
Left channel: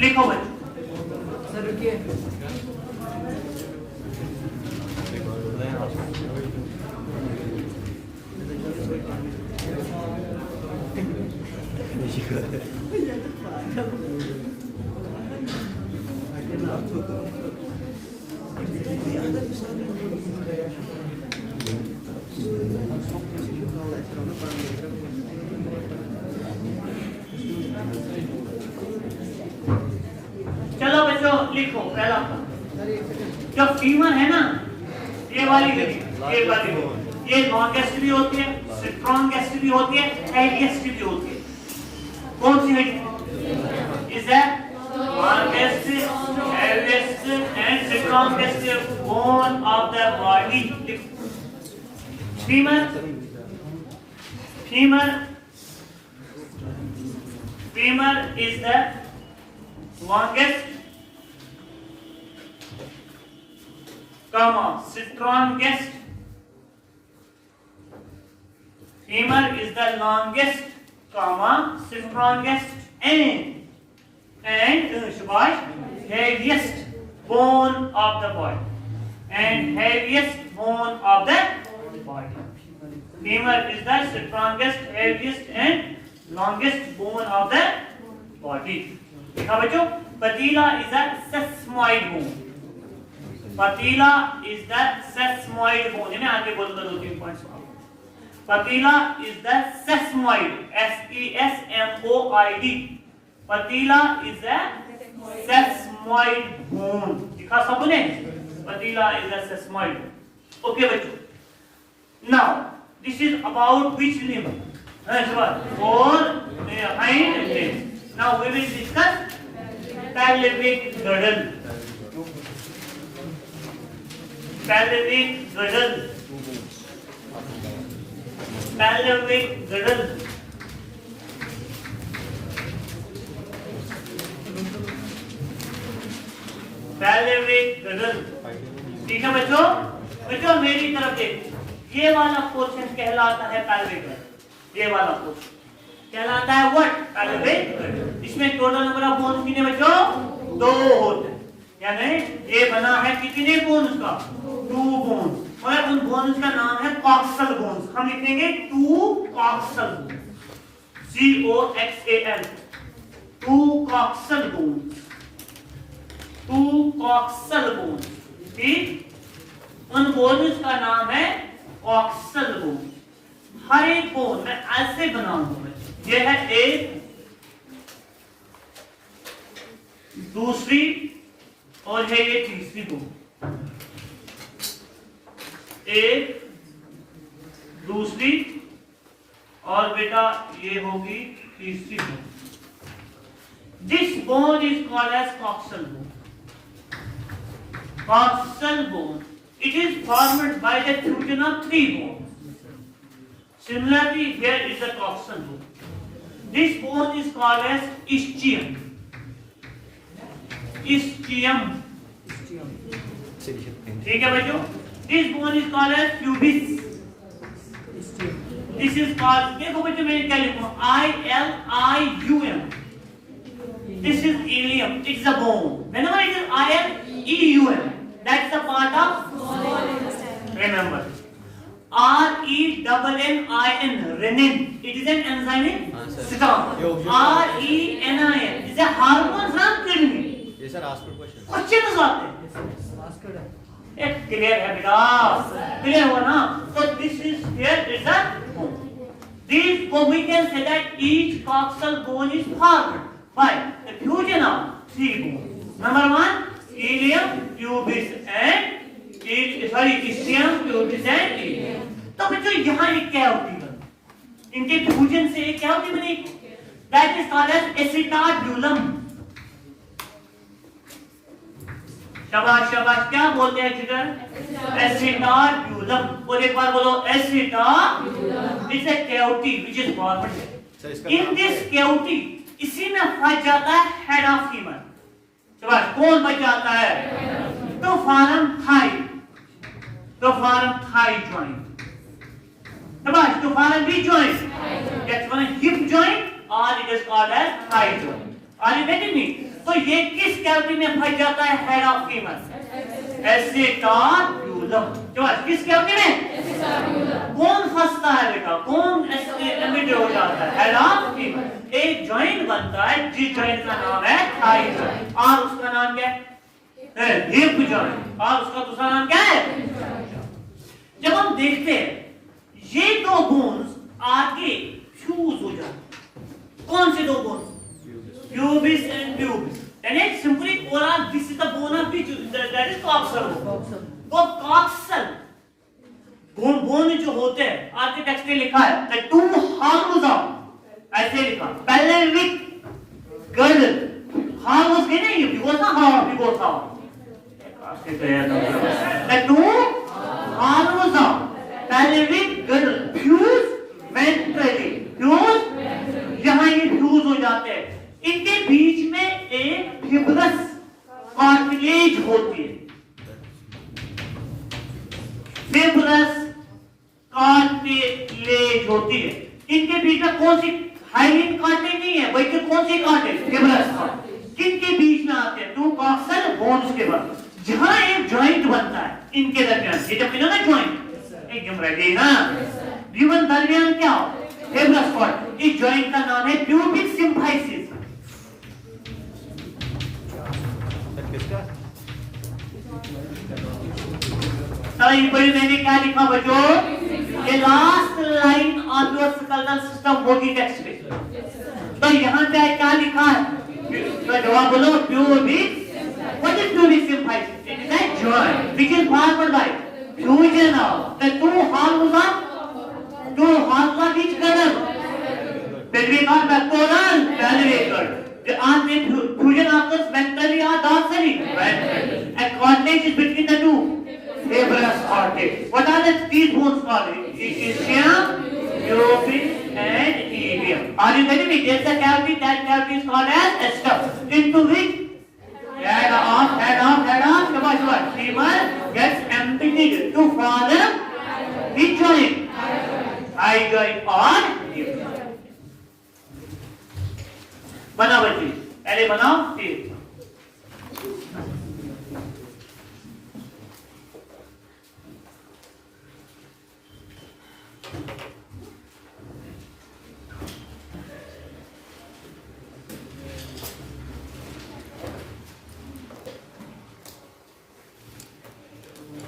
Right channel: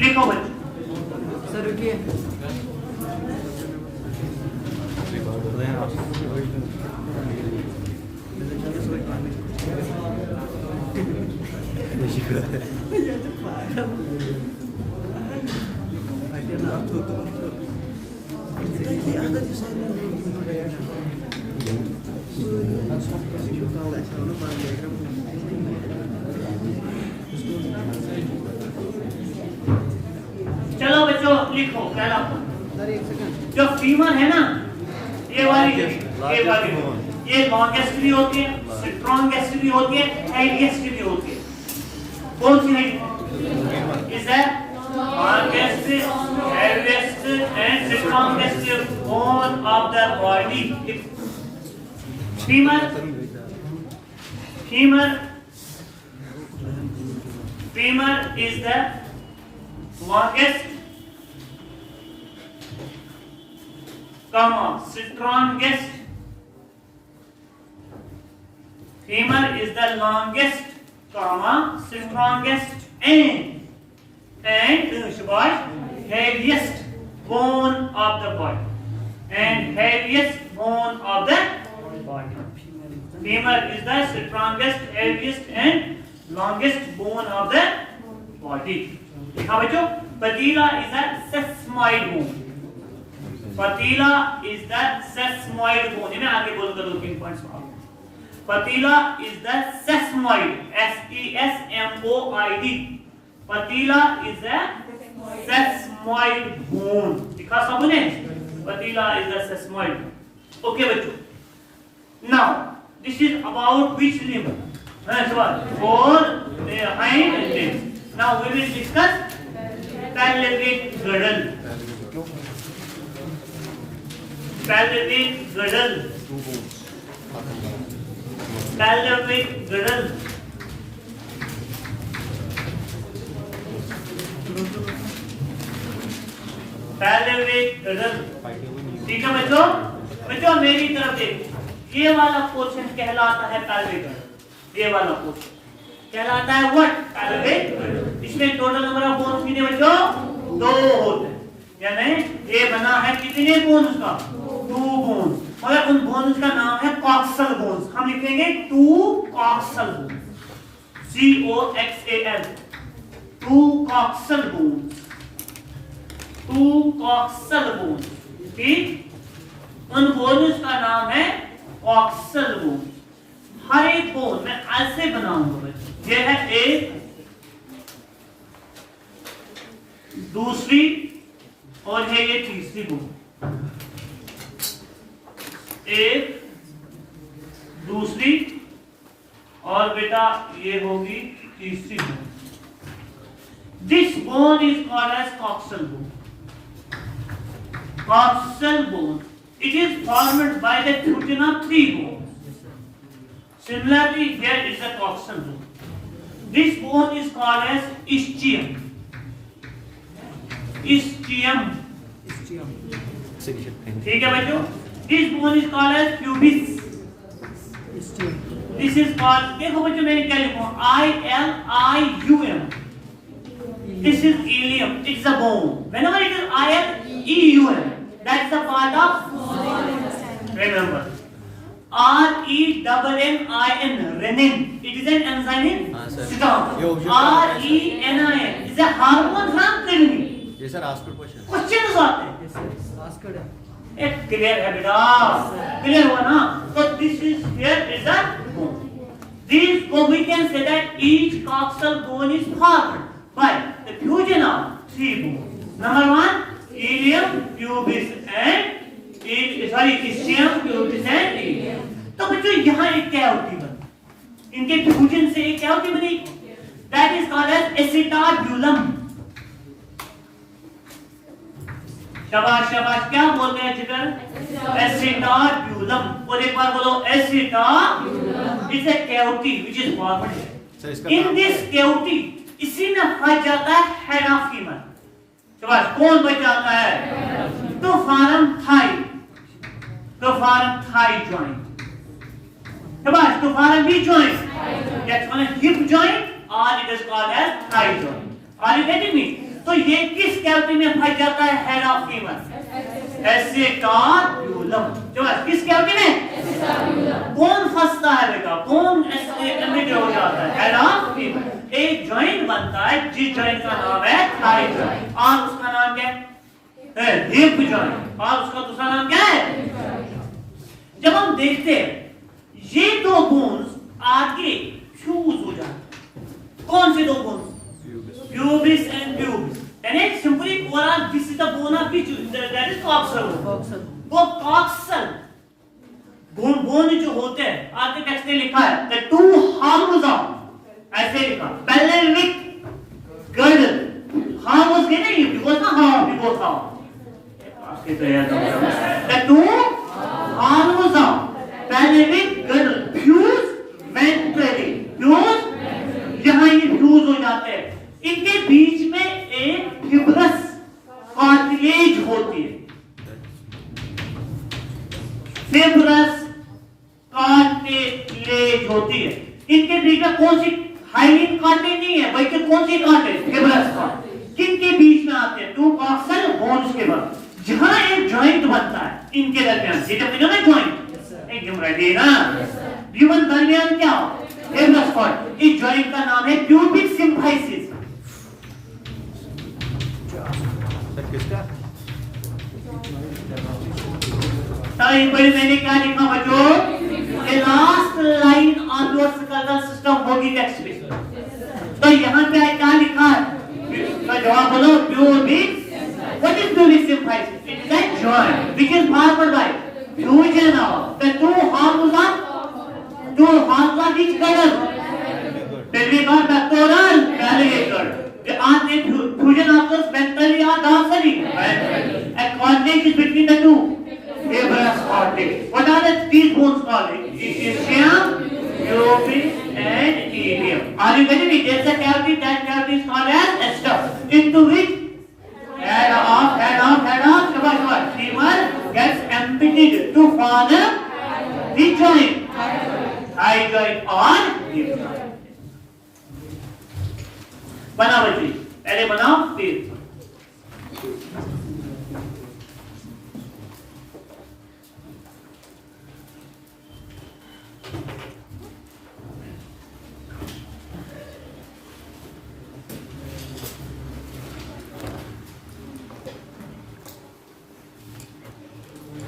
लिखो भाई सर रुकिए। चलो बच्चों लिखो पहला जो फीमर है ना, ये वाली ये लॉन्गेस्ट भी होती है, स्ट्रॉन्गेस्ट भी होती है, हेवीएस्ट भी होती है। कौन सी है? Is the longest, heaviest and strongest bone of the body. Femur, femur, femur is the longest, strongest. Femur is the longest, strongest and shabash, heaviest bone of the body. And heaviest bone of the body. Femur is the strongest, heaviest and longest bone of the body. देखा बच्चों, patella is a sesamoid bone. Patella is the sesamoid bone. मैं आगे बोलूँगा 2-3 पॉइंट्स और. Patella is the sesamoid, sesamoid. Patella is a sesamoid bone. दिखा सबने? Patella is a sesamoid bone. Okay बच्चों. Now this is about which limb? For hind limb. Now we will discuss pelvic girdle. Pelvic girdle. Pelvic girdle. Pelvic girdle. ठीक है बच्चों? बच्चों मेरी तरफ देखो. ये वाला पोर्शन कहलाता है pelvic girdle. ये वाला पोर्शन कहलाता है what? pelvic girdle. इसमें टोटल नंबर ऑफ बोन्स कितने बच्चों? 2 होते हैं. यानी ये बना है कितने बोन्स का? 2 बोन्स. मगर उन बोन्स का नाम है कॉक्सल बोन्स. हम लिखेंगे 2 coxal bones. COXAL. 2 coxal bones. 2 coxal bones. ठीक? उन बोन्स का नाम है कॉक्सल बोन्स. हर एक बोन मैं ऐसे बनाऊंगा. ये है एक, दूसरी और है ये तीसरी बोन. एक, दूसरी और बेटा ये होगी तीसरी bone. This bone is called as coxal bone. Coxal bone. It is formed by the fusion of 3 bones. Similarly, here is the coxal bone. This bone is called as ischium. Ischium. ठीक है बच्चों? This bone is called as pubis. This is called. देखो बच्चों मैंने क्या लिखा? ILIUM. This is ilium. It's a bone. Whenever it is ILEUM, that's a part of. Remember. RENNIN. Renin. It is an enzyme in stomach. RENIN is a hormone harm kidney. Yes sir, ask the question. Question आते हैं. Yes, sir. Ask her. एक क्लियर है बेटा. क्लियर हुआ ना? So this is here is a bone. These we can say that each coxal bone is formed by the fusion of 3 bones. Number 1, ilium, pubis and ischium, pubis and ilium. तो बच्चों यहाँ एक कैविटी बनी. इनके फ्यूजन से एक कैविटी बनी. That is called as acetabulum. शाबाश शाबाश. क्या बोलते हैं जिगर? acetabulum. और एक बार बोलो acetabulum. It's a cavity which is formed. In this cavity इसी में फंस जाता है head of femur. शाबाश. कौन बच जाता है? तो फार्म थाई. तो फार्म थाई joint. शाबाश. तो form B joint. That's one hip joint or it is called as thigh joint. Are you getting me? तो ये किस कैविटी में फंस जाता है हेड ऑफ फीमर? एसिटाब्यूलम. किस कैविटी में? कौन फंसता है बेटा? कौन एमिट हो जाता है? Head of femur. एक जॉइंट बनता है जिस जॉइंट का नाम है थाई जॉइंट. और उसका नाम क्या है? Hip joint. और उसका दूसरा नाम क्या है? जब हम देखते हैं ये 2 बोन्स आगे फ्यूज हो जाते हैं. कौन से 2 bones? Pubis and pubis. And it's simply oral. This is the bone of which that is coxal. वो coxal bone जो होते हैं आगे टेक्स्ट में लिखा है the 2 horns of ऐसे लिखा pelvic girdle हाँ वो उसके नहीं because ना हाँ because हाँ आपके तो याद होगा two harmless pelvic girdle fuse ventrally fuse यहाँ ये fuse हो जाते हैं इनके बीच में एक fibrous cartilage होती है fibrous कार्टिलेज होती है इनके बीच में कौन सी हाइलिन कार्टिलेज नहीं है बल्कि कौन सी कार्टिलेज फिब्रस कार्टिलेज किनके बीच में आते हैं टू कॉक्सल बोन्स के बाद जहां एक जॉइंट बनता है इनके दरमियान ये जब ना जॉइंट एकदम रेडी ना जीवन दरमियान क्या फिब्रस कार्टिलेज इस जॉइंट का नाम है प्यूबिक सिम्फाइसिस सर किसका मैंने क्या लिखा बच्चों ये last line of your skeletal system होगी टेक्स्ट में तो यहाँ पे क्या लिखा है तो जवाब बोलो pubic what is pubic symphysis it is a joint which is formed by fusion of the two horns of each girdle pelvic or pectoral pelvic girdle the arm fusion of the ventrally or dorsally a coordinate is between the two fibrous cartilage. What are these bones called? Ischium, pubic, and ilium. Are you getting it? There's a cavity. That cavity is called as sternum. Into which head off. Shabbash. Femur gets emptied to form the joint. High joint or hip joint. बनाओ बच्चे. पहले बनाओ फिर.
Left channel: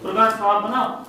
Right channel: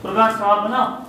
प्रोग्राम साहब बनाओ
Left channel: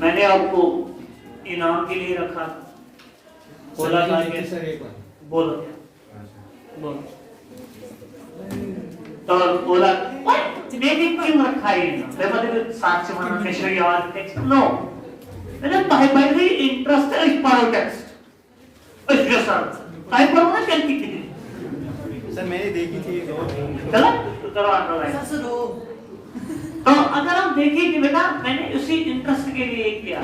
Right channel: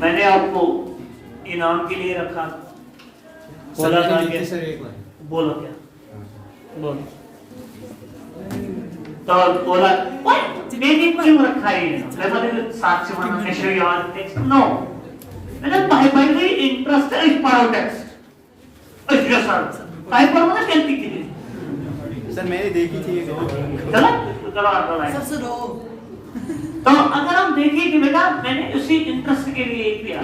मैंने आपको इनाम के लिए रखा बोला था कि सर एक बार बोलो क्या बोलो तो बोला मैंने क्यों रखा है मैं मतलब साक्ष्य मानना मेशर की आवाज टेक्स्ट नो मैंने बाइबली इंटरेस्ट इस पारो टेक्स्ट इस जैसा बाइबल में चलती थी सर मैंने देखी थी चलो आगे सर हो तो अगर हम देखें कि बेटा मैंने उसी इंटरेस्ट के लिए किया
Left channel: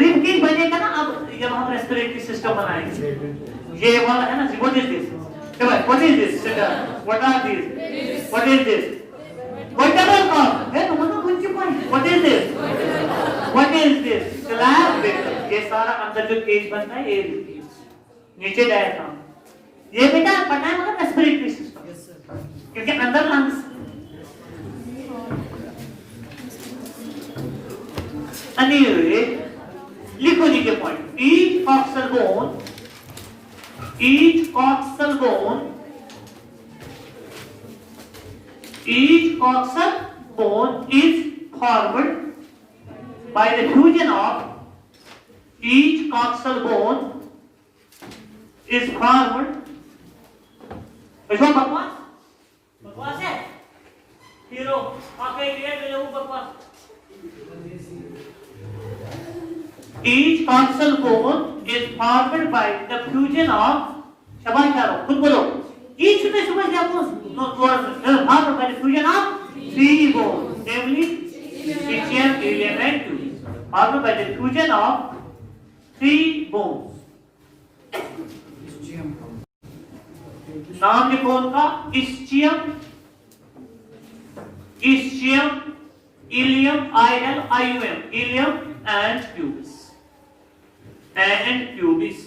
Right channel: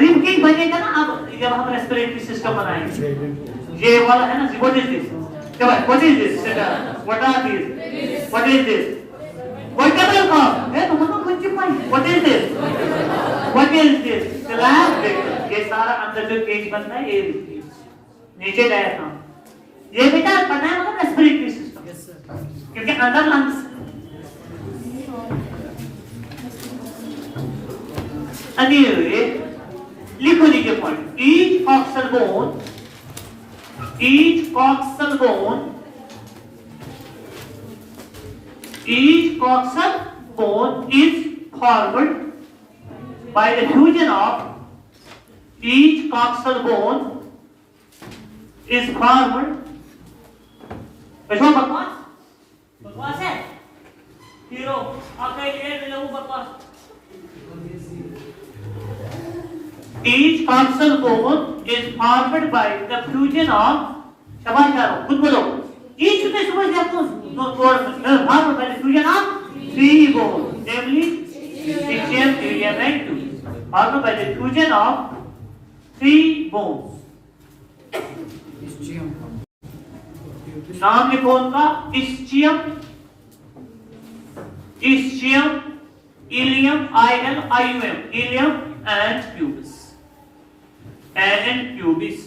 रिब की बनेगा ना अब जब हम रेस्पिरेटरी सिस्टम बनाएंगे ये वाला है ना व्हाट इज दिस क्या भाई what is this what are this what is this vertical cord है तो कुछ point what is this slab ये सारा अंदर जो केज बनता है ये नीचे डायफ्राम ये बेटा पता है मतलब रेस्पिरेटरी सिस्टम यस सर क्योंकि अंदर लंग्स Anyway, लिखो लीजिए point each coxal bone is formed by the fusion of each coxal bone is formed ऐसा बकवास है हीरो आके ये देखो बकवास Each coxal bone is formed by the fusion of समाचार खुद बोलो each में समझ लिया आपको formed by the fusion of three bones namely ischium, ilium and pubic formed by the fusion of three bones नाम लिखो उनका ischium, ischium, ilium, I-L-I-U-M, ilium and pubis. And pubis.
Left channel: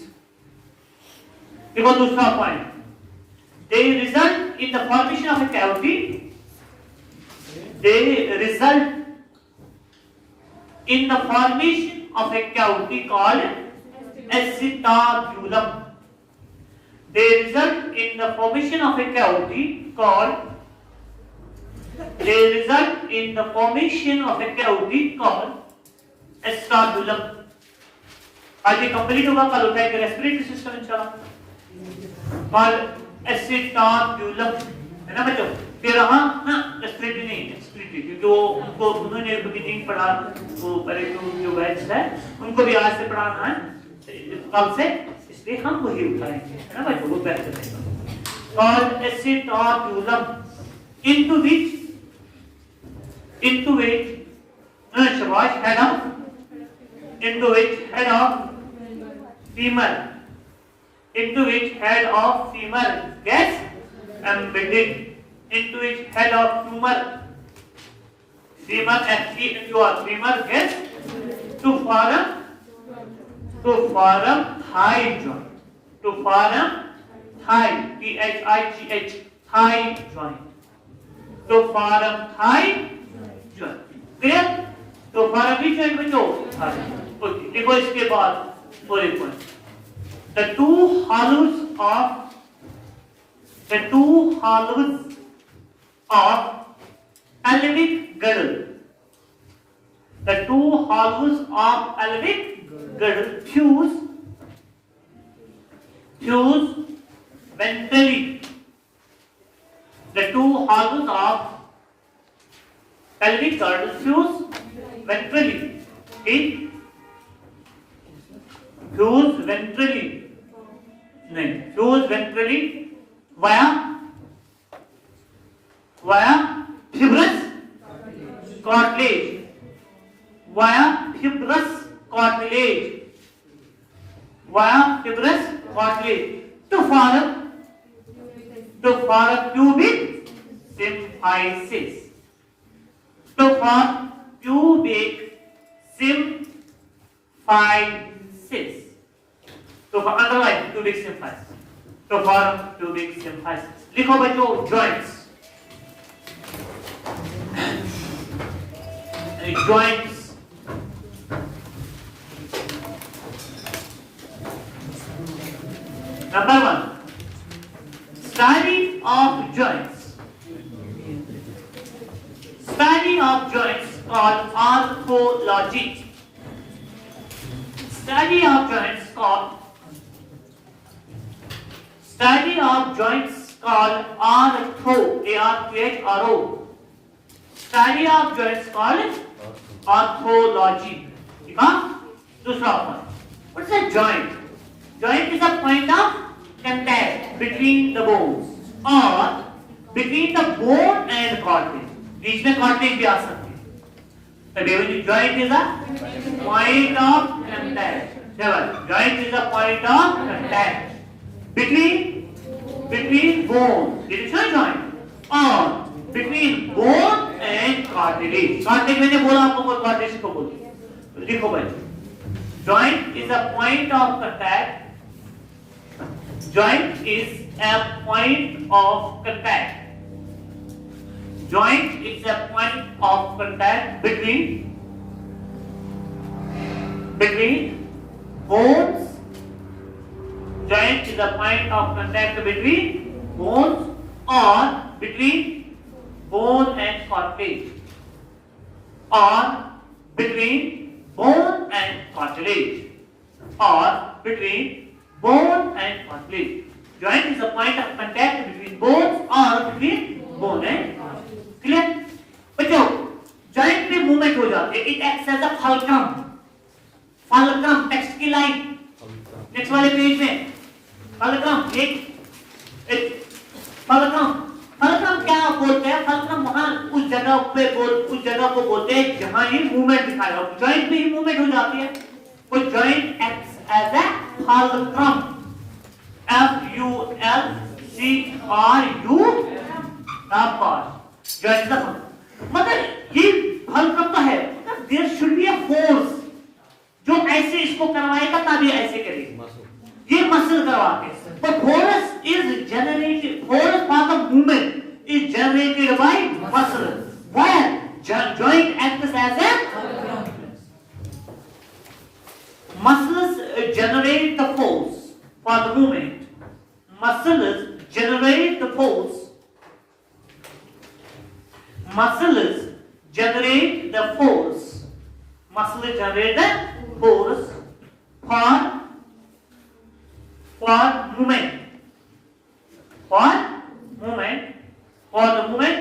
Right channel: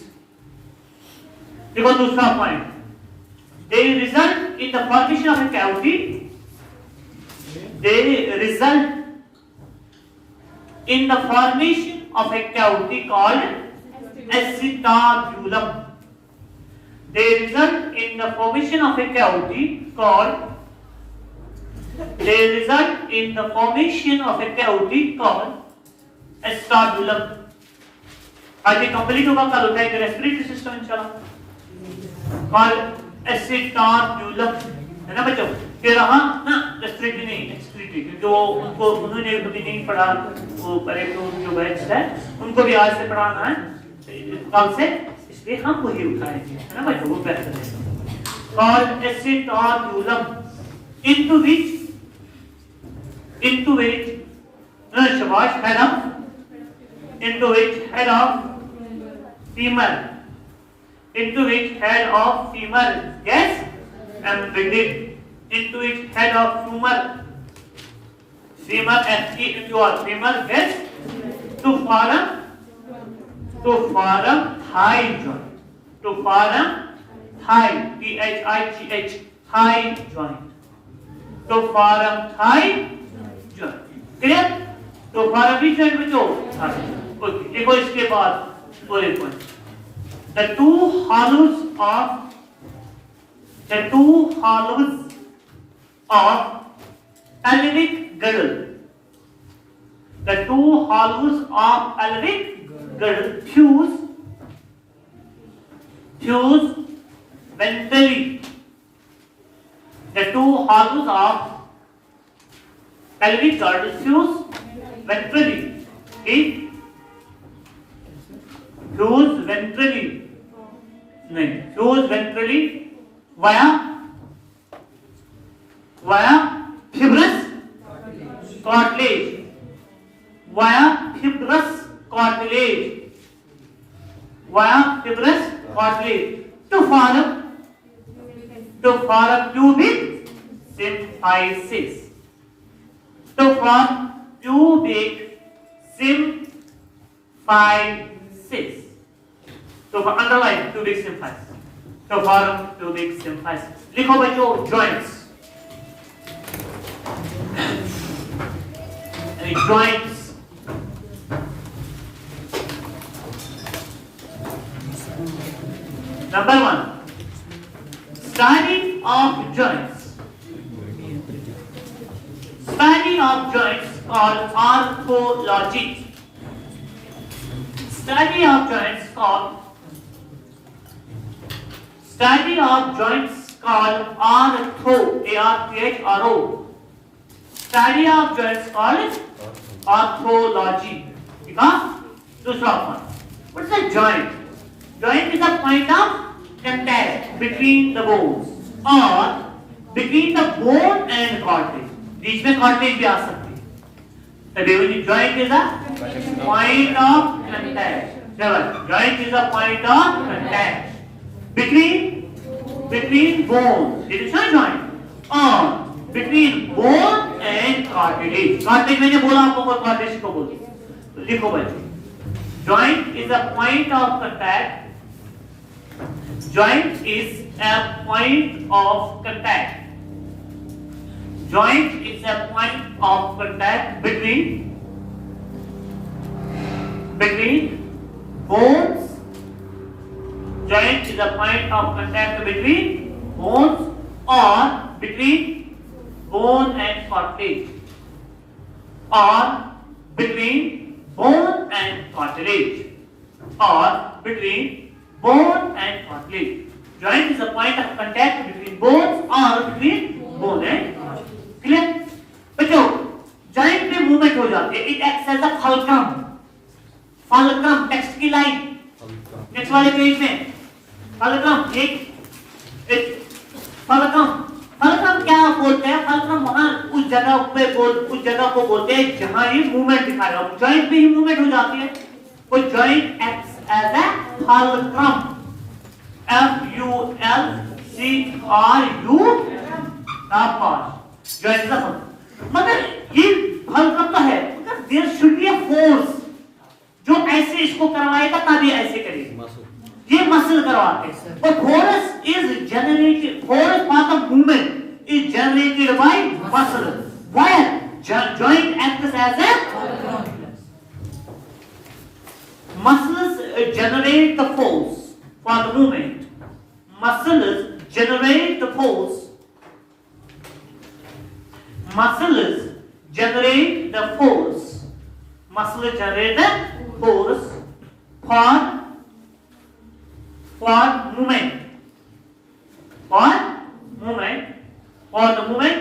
देखो दूसरा point. They result in the formation of a cavity. They result in the formation of a cavity called acetabulum. They result in the formation of a cavity called. They result in the formation of a cavity called acetabulum. आज ये कंप्लीट होगा, कल होता है respiratory system इंशाल्लाह called acetabulum, है ना बच्चों? फिर रहा ना रेस्पिरेटरी नहीं, एक्सक्रीटरी, क्योंकि वो उनको उन्होंने कभी नहीं पढ़ा, वो करेक्ट जो बैच है उनको भी आज से पढ़ाना है कल से, इसलिए हम वही उठाएंगे, है ना बच्चों? वो बेहतर है called acetabulum, into which शाबाश head of, into which head of femur, into which head of femur gets embedded, into which head of femur gets to form thigh joint, to form thigh, T-H-I-G-H, thigh joint, to form thigh joint, clear? तो फॉर्म भी joint में जो ओके, देखो इसके बाद और एक point, the two hollows of pelvic girdle, the two hollows of pelvic girdle fuse ventrally, the two hollows of pelvic girdle fuse ventrally, okay? Fuse ventrally, नहीं, fuse ventrally via fibrous cartilage, via fibrous cartilage, to form pubic symphysis, to form pubic symphysis, to underline pubic symphysis, to form pubic symphysis. लिखो बच्चों joints, joints. Number one, study of joints. Study of joints called arthology. Study of joints called artho, A-R-T-H-R-O. Study of joints called arthology. ठीक है? दूसरा point. What is a joint? Joint is a point of contact between the bones or between the bone and cartilage. बीच में cartilage भी आ सकती है. So joint is a point of contact. Joint is a point of contact between bone. It is not joint. Or between bone and cartilage. Cartilage मैंने बोला आपको, cartilage को बोलते. लिखो भाई. Joint is a point of contact. Joint is a point of contact. Joint is a point of contact between bones. Joint is a point of contact between bones or between bone and cartilage, or between bone and cartilage, or between bone and cartilage. Joint is a point of contact between bones or between bone and cartilage. Clear? बच्चों, joint पे movement हो जाती है. It acts as a fulcrum. Fulcrum, text की line. Next वाले पेज में. Fulcrum, एक fulcrum क्या बोलते हैं? Fulcrum वहाँ उस जगह को बोलते हैं जहाँ ये movement दिखा रहा हो. Joint पे ही movement हो जाती है. तो joint acts as a fulcrum. F-U-L-C-R-U. Joint is a मगर ये हल करता है, there should be a force जो ऐसे इसको करवाएगा तभी ऐसे करेगा, ये मसल करवाते हैं। तो force is generated, force for the movement is generated by muscle, while joint acts as a muscles generate the force for the movement. Muscles generate the force. Muscles generate the force. Muscles generate the force for movement. For movement. For the movement.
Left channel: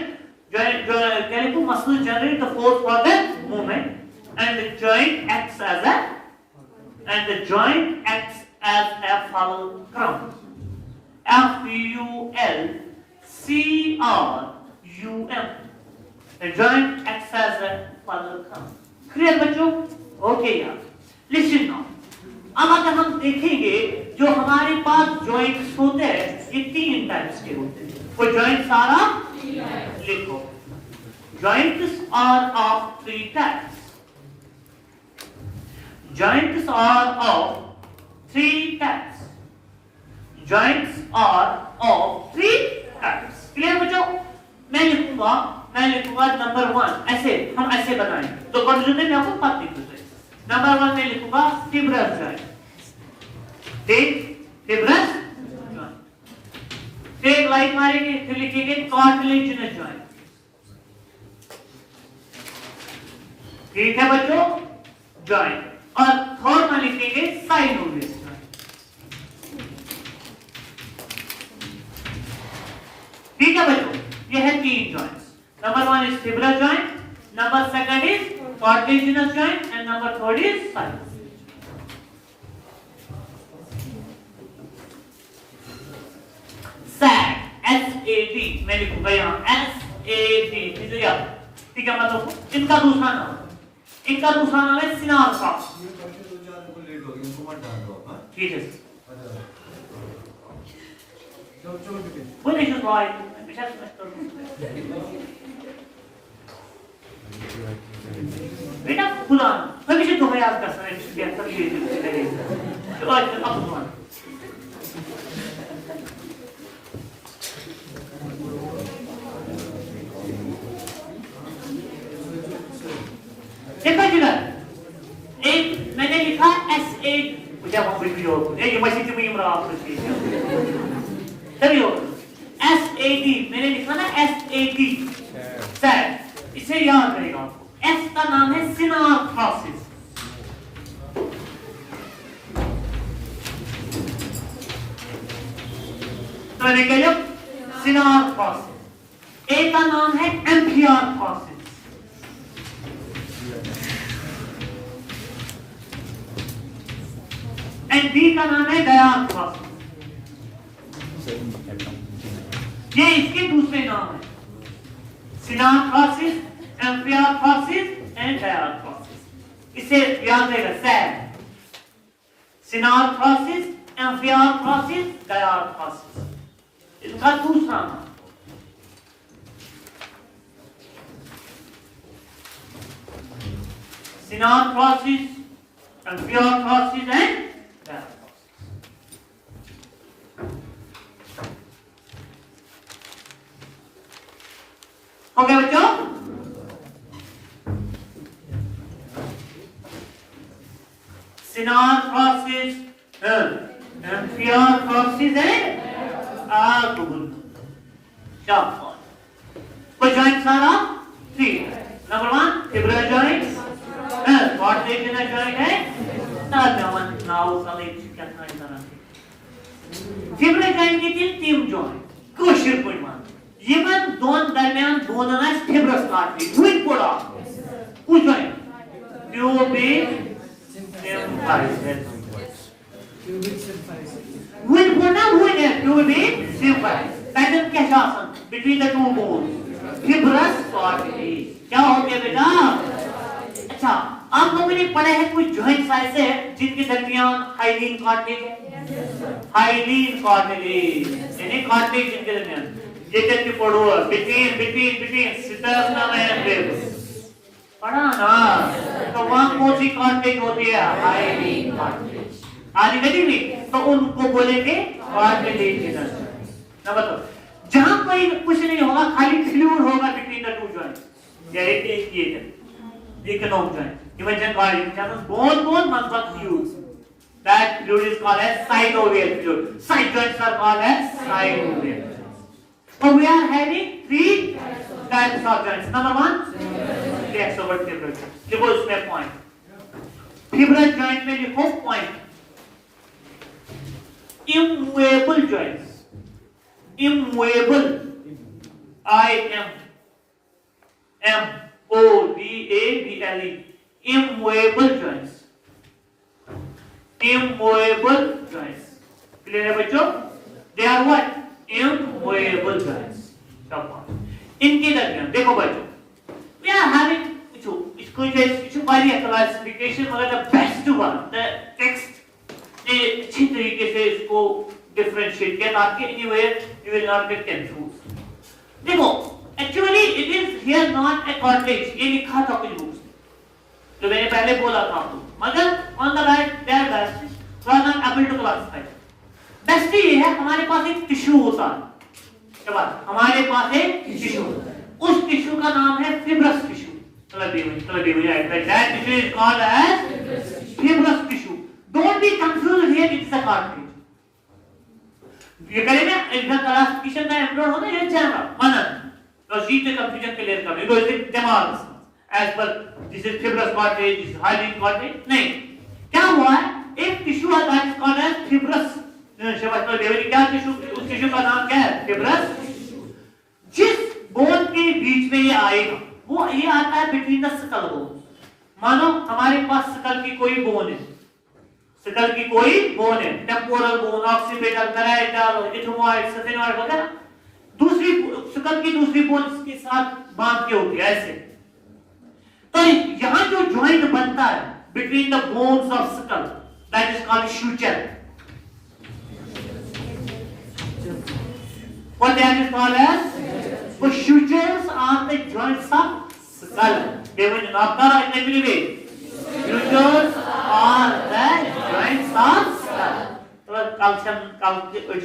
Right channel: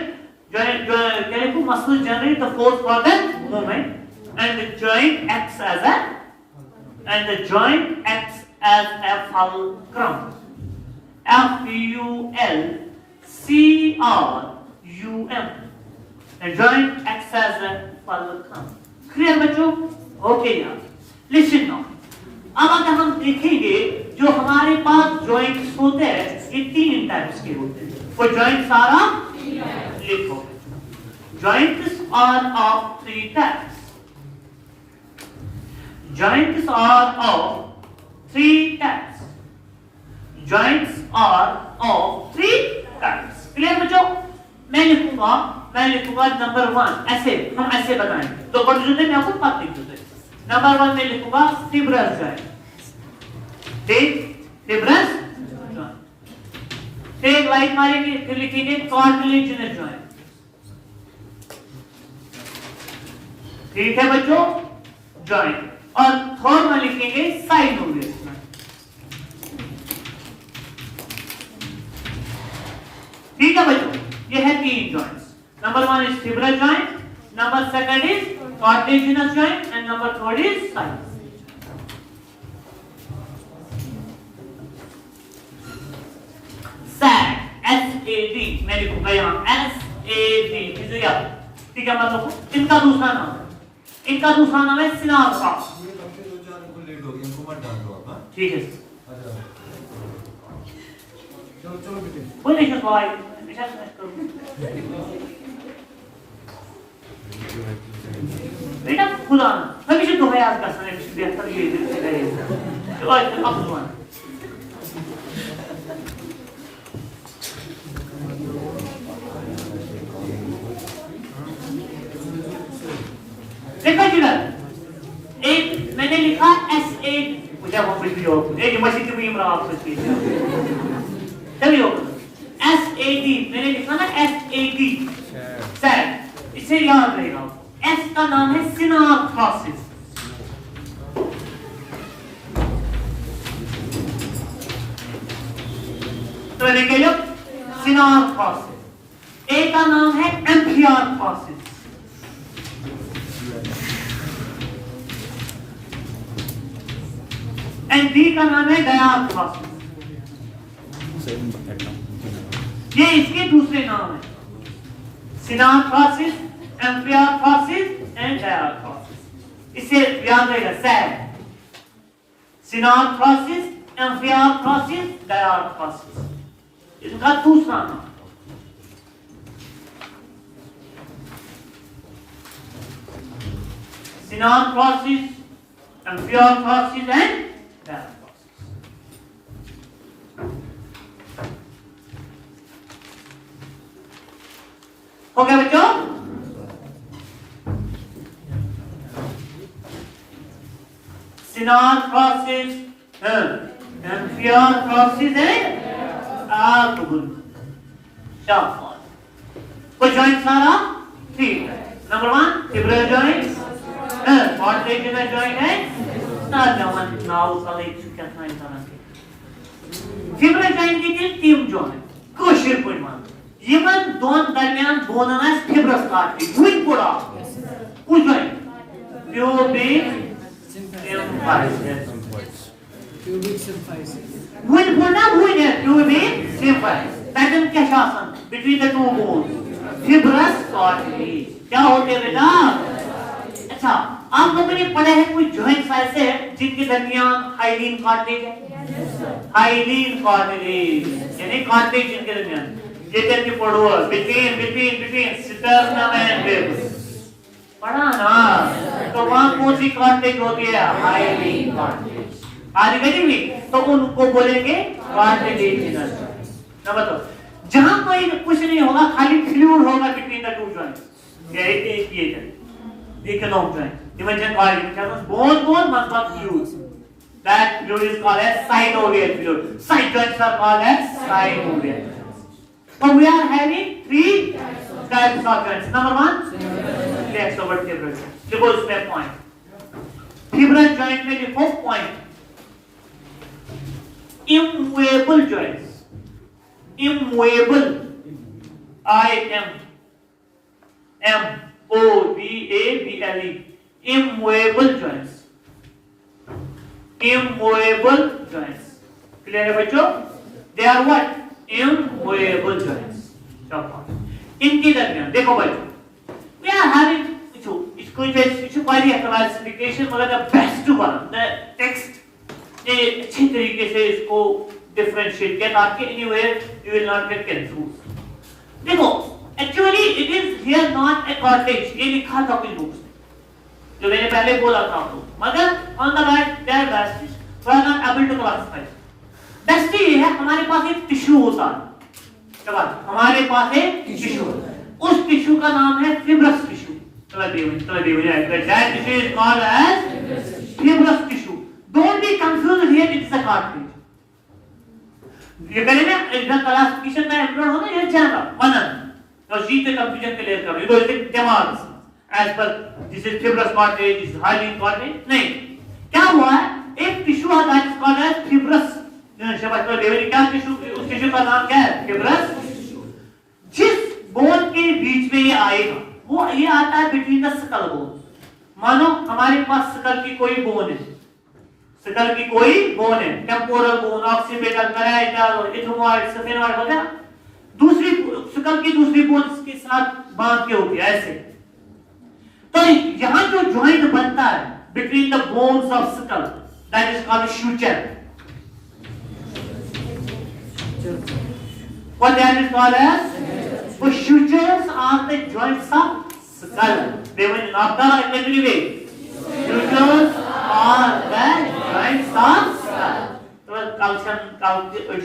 Muscles generate the force for the movement, and the joint acts as a fulcrum. Fulcrum. The joint acts as a fulcrum. Clear बच्चों? Okay यार. Listen now. अब अगर हम देखेंगे जो हमारे पास joints होते हैं, ये 3 टाइप्स के होते हैं। वो joints सारा लिखो। Joints are of 3 types. Joints are of 3 types. Joints are of 3 types. Clear बच्चों? मैं लिखूंगा नंबर 1 ऐसे, हम ऐसे बनाएंगे। तो कंफ्यूजन में आपको बात नहीं होती। नंबर 1 में लिखूंगा fibrous joint. Fibrous joint. फिर लाइक मारेंगे, फिर लिखेंगे cartilaginous joint. ठीक है बच्चों, जॉइंट। और थर्ड में लिखेंगे साइनोवियल। ठीक है बच्चों, ये है 3 joints. Number 1 is fibrous joint, number 2 is cartilaginous joint and number 3 is synovial. Sad, SAD मैं लिखूंगा यहाँ SAD, ठीक है मतलब इनका दूसरा नाम है, इनका दूसरा नाम है सिनाप्स। ठीक है बोले जो भाई बेटा खुला हमेशा तो है आज का समय से बेहतर ये चलेगा। तो आज आप देखा जी ना, एक मैंने लिखा S8 मुझे वहां पे दियो एक मशीन में इमरा आपसे चलिए SAD मैंने लिखा ना SAD सैड, इसे याद रहेगा। S का नाम है सिनाप्स। तो मैंने कह लो सिनाप्स। A का नाम है एम्फियाप्स एंड B का नाम है डायाप्स। ये इसके दूसरे नाम है, सिनाप्स, एम्फियाप्स एंड डायाप्स। इसे याद रहेगा सैड, सिनाप्स, एम्फियाप्स, डायाप्स, इसका दूसरा नाम। सिनाप्स, एम्फियाप्स एंड ओके बच्चों, सिनाप्स, एम्फियाप्स एंड शाबाश। तो जॉइंट सारा 3 है। नंबर 1 फिब्रस जॉइंट, कार्टिलेजिनस जॉइंट है, साथ नाउ साले क्या था इस तरह के फिब्रस जॉइंट के 3 जॉइंट कोशिश कोई मान यमन दोन दरमियान बोनस फिब्रस कार्टिलेज वही पड़ा उस जॉइंट प्यूबिक सिम्फाइस वही पड़ा वही है प्यूबिक सिम्फाइस पैटर्न क्या शासन between the 2 bones fibrous cartilage क्या होते हैं बेटा। अच्छा आप लोगों ने पढ़े हैं कुछ जॉइंट्स ऐसे जिनके दरमियान हाइलीन कार्टिलेज है, हाइलीन कार्टिलेज यानी कार्टिलेज जिनके दरमियान ये कैसे पढ़ो between sternum and ribs पढ़ा ना तो वहां कौन सी कार्टिलेज होती है हाइलिंग कार्टिलेज आगे तो उनको बोलेंगे कार्टिलेजिनस ना बताओ जहां कोई कुछ नहीं होगा खाली फ्लूइड होगा बिटवीन द टू जॉइंट्स ये cannot join imagine बहुत number of fluids that fluid is called as synovial fluid side joints are called as synovial so we are having three types of joints number one next over fibrous देखो इसमें point fibrous joint में लिखो point immovable joints immovable immovable immovable joints clear है बच्चों they are what immovable joints इनके दरमियान देखो बच्चों we are having इसको वाली क्लासिफिकेशन मतलब the best one the text ने अच्छी तरीके से इसको differentiate किया ताकि anywhere you will not get confused देखो actually it is here not a cartilage ये लिखा था कुछ बुक्स जो मैंने पहले बोला था आपको मगर on the right there best we are not able to classify best ये है हमारे पास एक टिश्यू होता है चलो हमारे पास एक टिश्यू उस टिश्यू का नाम है fibrous tissue चलो that tissue is called as fibrous tissue don't be confused here it's a cartilage ये पहले ना इधर क्लासिफिकेशन में अपलोड होना ये जाना अनंत तो शीट पे कंफ्यूजन क्लियर कर दो इसे दिमाग as per this is fibrous cartilage this is hyaline cartilage नहीं क्या हुआ है एक टिश्यू आता है जिसका नाम है fibrous शब्द तो लेवल क्या टिश्यू उस टिश्यू का नाम क्या है fibrous जिस बोन के बीच में ये आएगा वो ये आता है बिटवीन द स्कल बोन मानो हमारे पास स्कल की कोई बोन है स्कल की कोई बोन है टेम्पोरल बोन ऑक्सीपिटल पैराइटल और इथमोइड सफेनोइड वगैरह दूसरी स्कल की दूसरी बोन के साथ बांध के होती है ऐसे तो यहां जो जॉइंट बनता है between the bones of skull that is called suture what that is called as the sutures are the joints of skull they will not be in every way sutures are the joints of skull calcium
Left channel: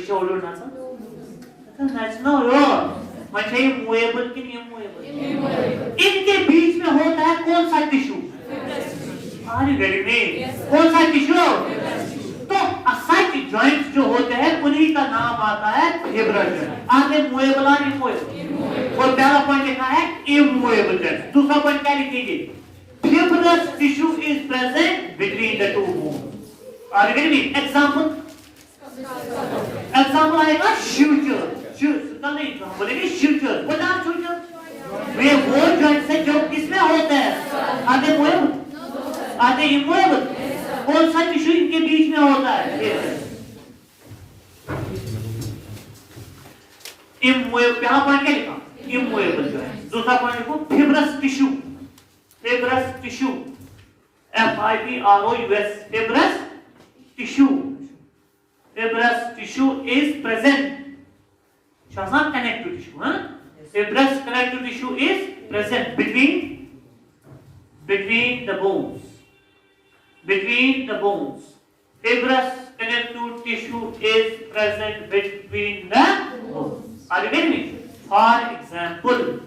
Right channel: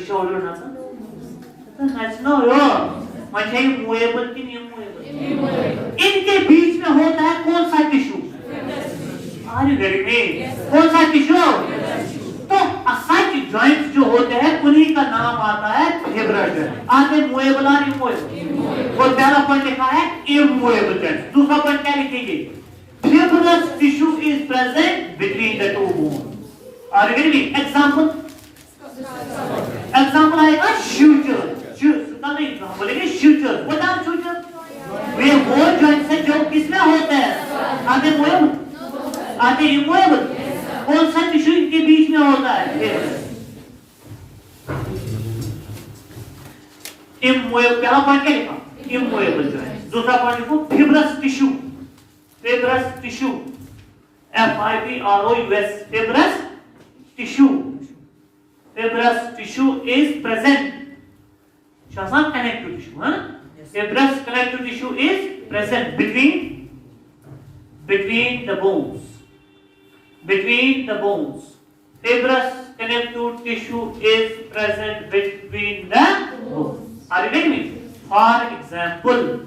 shoulder na sir that's no much movable ki immovable इनके बीच में होता है कौन सा tissue are you getting me कौन सा टिश्यू तो सच जॉइंट्स जो होते हैं उन्हीं का नाम आता है फिब्रस जॉइंट आगे मूवेबल और इमूवेबल और पहला पॉइंट लिखा है इमूवेबल जॉइंट दूसरा पॉइंट क्या लिखेंगे fibrous tissue is present between the two bones are you getting me example आएगा suture नहीं बोलेंगे suture व्हाट आर suture वे वो जॉइंट्स हैं जो किसमें होते हैं आधे मूवेबल आधे इमूवेबल कौन सा टिश्यू इनके बीच में होता है इमूवेबल पहला पॉइंट क्या लिखा इमूवेबल जॉइंट दूसरा पॉइंट लिखो fibrous tissue FIBROUS fibrous tissue is present shasam connective tissue fibrous connective tissue is present between the bones fibrous connective tissue is present between the bones are you getting me for example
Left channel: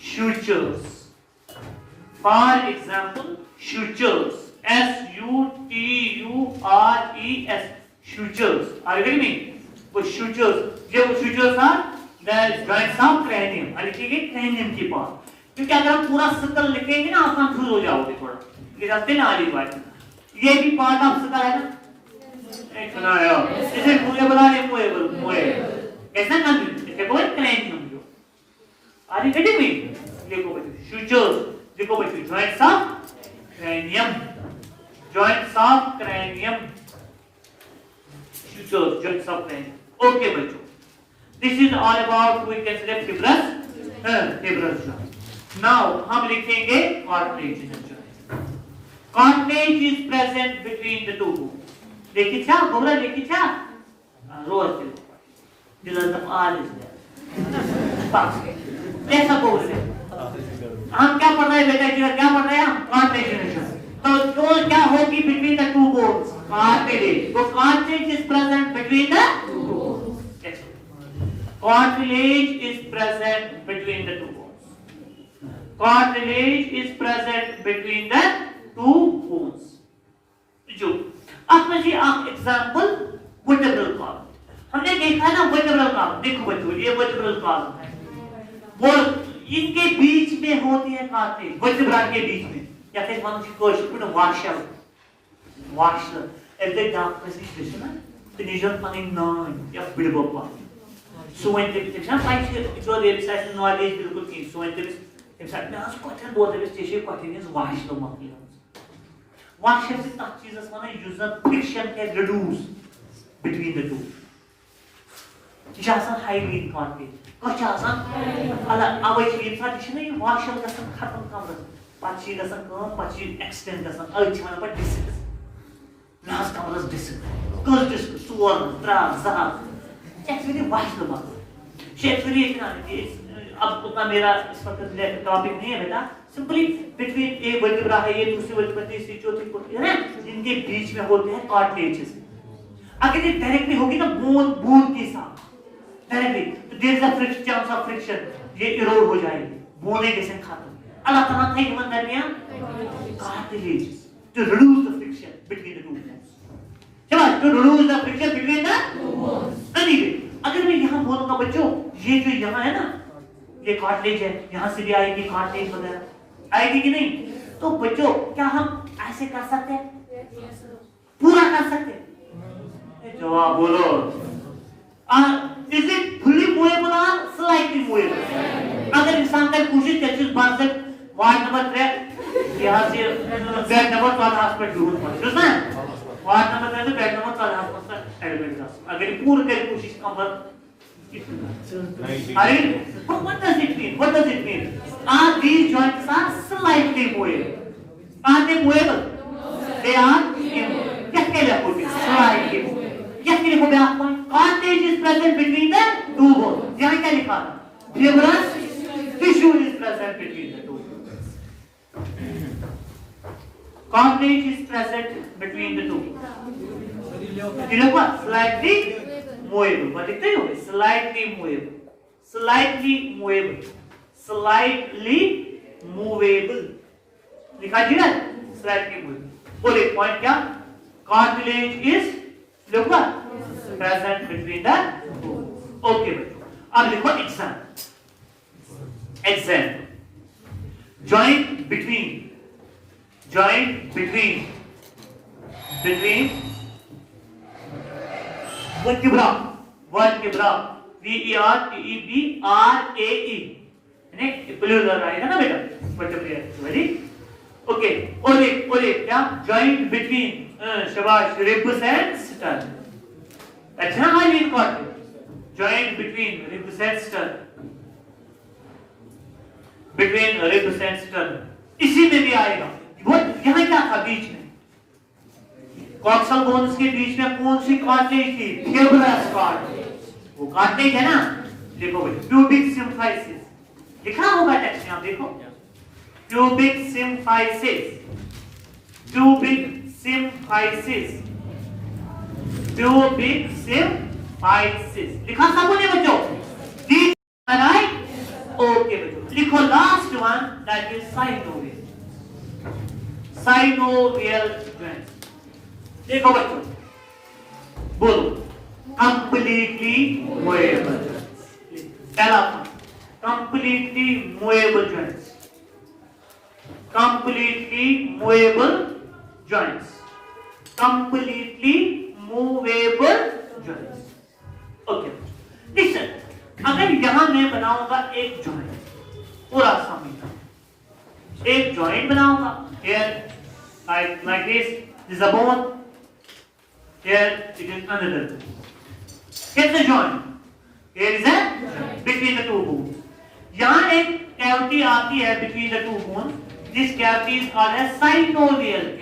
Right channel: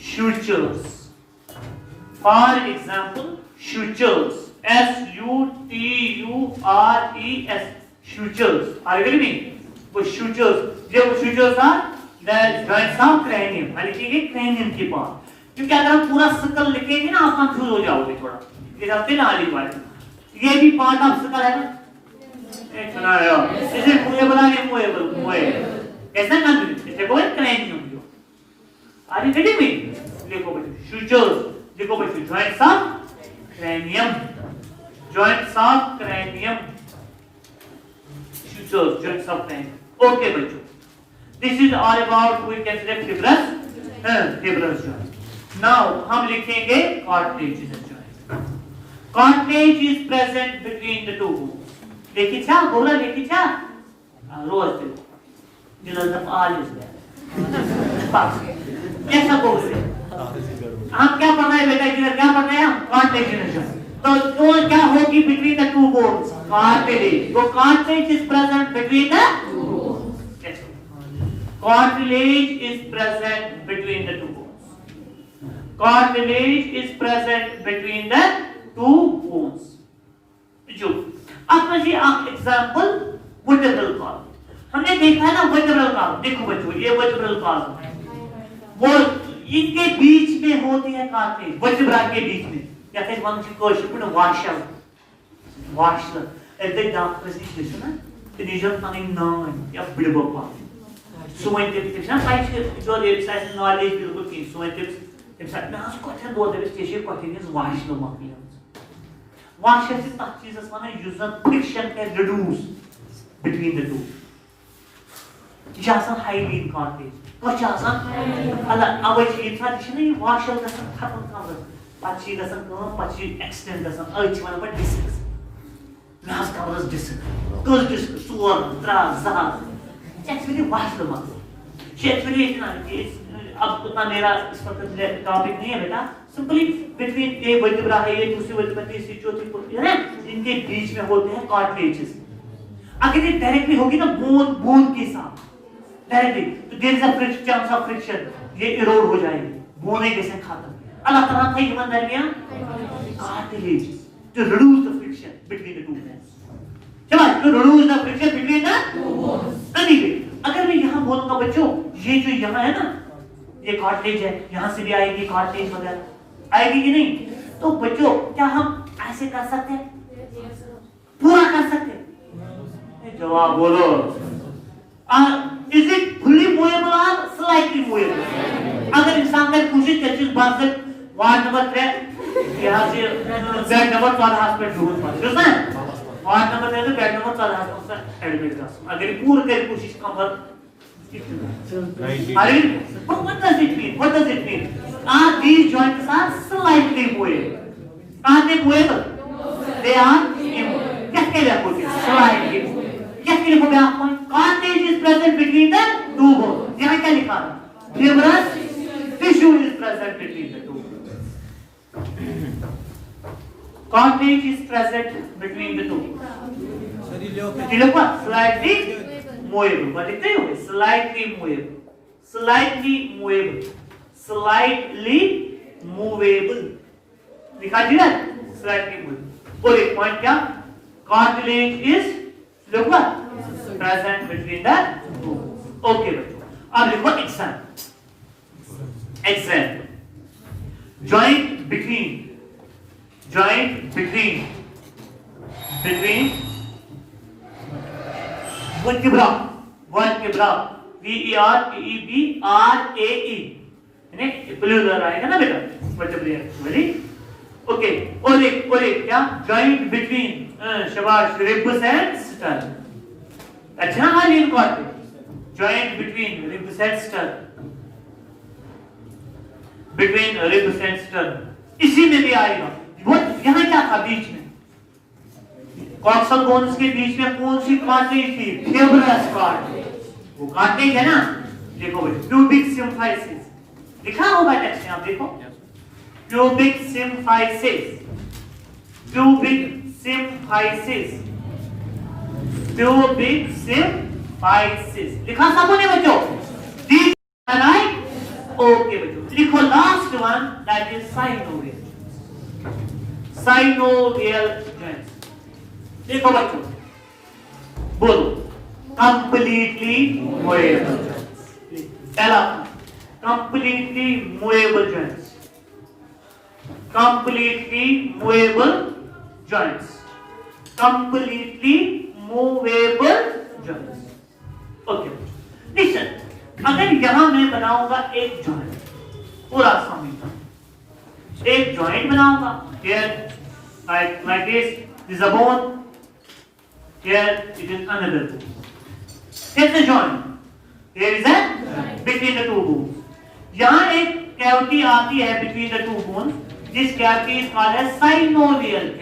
sutures SUTURES sutures are you getting me वो sutures जो sutures are the joints of cranium लिखेंगे cranium की पार्ट क्योंकि अगर हम पूरा स्कल लिखेंगे ना आप कंफ्यूज हो जाओगे थोड़ा ये जानते ना वाली बात ये भी पार्ट ऑफ स्कल है ना इतना है इसे मूवेबल है मूवेबल ऐसा कंफ्यूज इसे कोई cranium जो are you getting me लिखो बच्चों sutures देखो बच्चों joints of cranium joints of cranium okay बच्चों this is all about we can say fibrous joint now हम लिखेंगे cartilaginous joint cartilage is present between the two bones देखिए क्या बोला देखिए क्या रोज देखो जिधर the all is there कैसा बोल रहे हम क्या पढ़ रहे हैं बेटा इधर क्या पढ़ रहे हैं हम कार्टिलेज तो क्या होगी between the two bones cartilage तो cartilage is present between the two bones cartilage is present between the two bones cartilage is present between the two bones जो अब जी आप एग्जांपल वर्टेब्रल कॉलम हमने देखा है ना वर्टेब्रल कॉलम देखो बच्चों ये वर्टेब्रल कॉलम है वो इनके बीच में होती है कार्टिलेज वर्टेब्रा के बीच में या फिर हम जिसको शुक्र वाशर ऐसे दांत पर से सुना तो निजर पानी नाइन या बिल्बो कॉलम सोइन के पिक्चर फाइट जो वेबसाइट नॉलेज बिल्कुल की सोइन के वेबसाइट में आज क्वेश्चन बोल रहे हैं स्टेशन क्वेश्चन इज वाशर मतलब वाशर से तक चीज माने user friction can reduce between the two जासन हाइलीन कार्टिलेज कुछ आसान अला अब ये ट्रेडिशन है वाशर का खत्म कर पाची गसन को पाची एक्सटेंड गसन आज माने पर डिस्क नास कवर्स डिस्क सुवर त्रा जहाज एक्चुअली वाशर मतलब एक्चुअली इतना कि अब उतना मेरा इस वक्त टॉपिक नहीं है बेटा सिंपली बिटवीन ए वर्टेब्रा है ये दूसरी वर्टेब्रा तीसरी चौथी कोई है इनके बीच में होते हैं कार्टिलेजेस अगर ये डायरेक्टली होगी ना बोन के साथ डायरेक्टली तो there is a chance of friction ये इरोड हो जाएगी बोने जैसे खत्म अल्लाह ताला थे कि दरमियान cartilage to reduce the friction between the two bones चलो to reduce the friction between the two bones anyway अगर मैं यहाँ बोलूंगा बच्चों ये जो यहाँ है ना ये कार्टिलेज है यहाँ से भी आएगी कार्टिलेज वगैरह आएगी कि नहीं तो बच्चों क्या हम ऐसे कर सकते हैं पूरा कर सकते हैं जवाब बोलो is it fully movable or slightly movable अगर इंसान ने कोशिश कर चीज बात से वार्ड नंबर 3 यहाँ से बेड नंबर 12 पे जरूर पहुंच ना वार्ड नंबर 3 बेड नंबर 12 पर एडमिट कर अगर पूरी तेरी कोशिश कर but what does it mean are these joints are slightly movable are they movable they are कैसे लगोगे slightly कैसे लगोगे आपको cartilage is present between the two bones यहाँ क्या लिखा है fibrous tissue is present between the two bones cartilage is present between the two ये लोग slightly movable but लिखते हो slightly movable लिखा जी ना slightly movable और एक पॉइंट क्या cartilage is लिखो present between the two okay अब लिखो example joint between vertebra VERTEBRAE यानी प्लूरल आएगा ना बेटा vertebrae ओके और एक क्या joint between शाबाश ribs and sternum अच्छा हाल important joint between ribs and sternum इसी में भी आएगा वो यहाँ क्या था बीच में कॉक्सल बोन्स के बीच में कौन सी कार्टिलेज थी फिब्रस कार्टिलेज वो कार्टिलेज है ना देखो प्यूबिक सिम्फाइसिस लिखा होगा टेक्स्ट में आप देखो प्यूबिक सिम्फाइसिस लिखा सबने बच्चों ठीक है राइट ओके बच्चों लिखो last one that is synovial joints देखो बच्चों बोलो completely movable joints पहला completely movable joints okay listen अगर यहां मैं बनाऊंगा एक जॉइंट पूरा सामने एक जॉइंट बनाऊंगा here like this is a bone here it is another bone here's the joint here is a between the two bones यहाँ एक cavity आती है between the two bones this cavity is called as synovial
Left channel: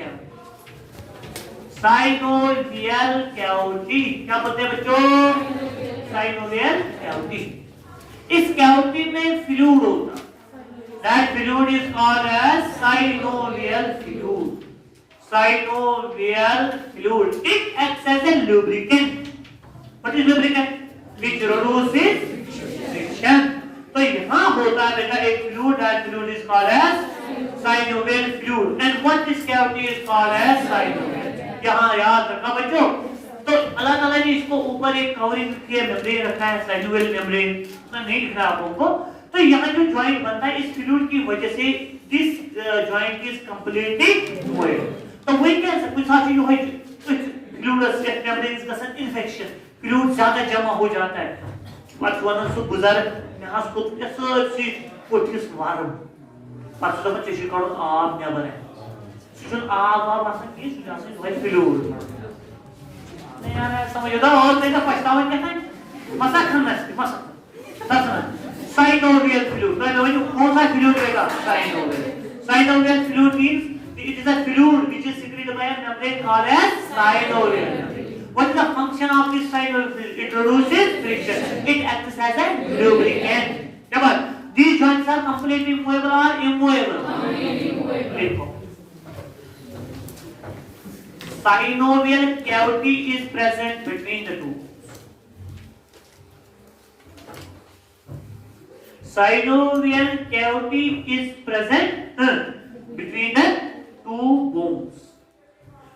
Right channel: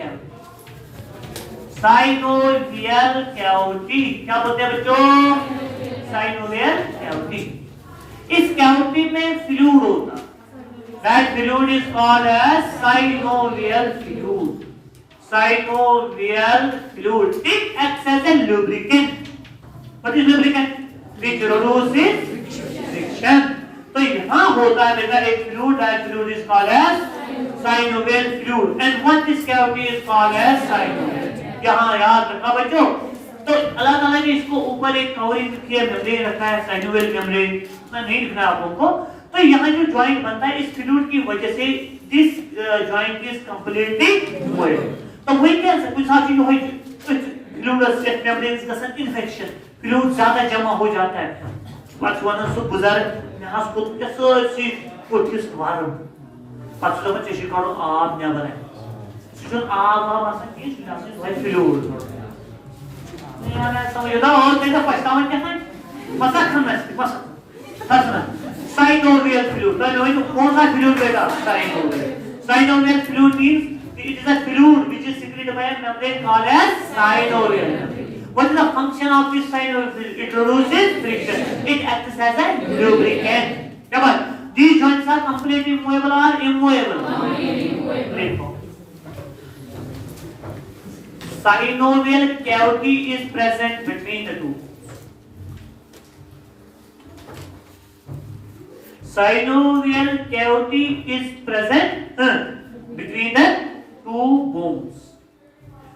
cavity क्या बोलते हैं बच्चों synovial cavity इस कैविटी में फ्लूइड होता, that fluid is called as synovial fluid. Synovial fluid. It acts as a lubricant. What is lubricant? Which reduces friction. तो यहाँ होता है एक fluid, that fluid is called as synovial fluid. And what this cavity is called as synovial. यहाँ याद रखना बच्चों. तो अलग अलग इसको ऊपर एक कवरिंग किया मेम्ब्रेन रखा है, synovial membrane. मैं नहीं लिखना आपको. तो यहाँ जो जॉइंट बनता है इस फ्लूइड की वजह से दिस जॉइंट इज कंप्लीटली मूवेड. तो वही क्या कुछ साथी जो है फ्लूइड से मेम्ब्रेन्स का सन इन्फेक्शन फ्लूइड ज्यादा जमा हो जाता है. पक्ष वन सो गुजर मैं हस को ऐसी कोठिस वारम पक्ष तो बच्चे शिकारो आप नेबर है सुन आप आसान की सुनासे वही फ्लूइड नहीं आ रहा समझ दो और मेरा पछतावा क्या है मसा खमस Synovial fluid. Well, कौन सा fluid रहेगा? Synovial. Synovial fluid means it is a fluid which is secreted by a membrane called as synovial. What is the function of this synovial fluid? It reduces friction. It acts as a lubricant. Double. These joints are completely movable or immovable? Immovable. Synovial cavity is present between the two. Synovial cavity is present between the two bones,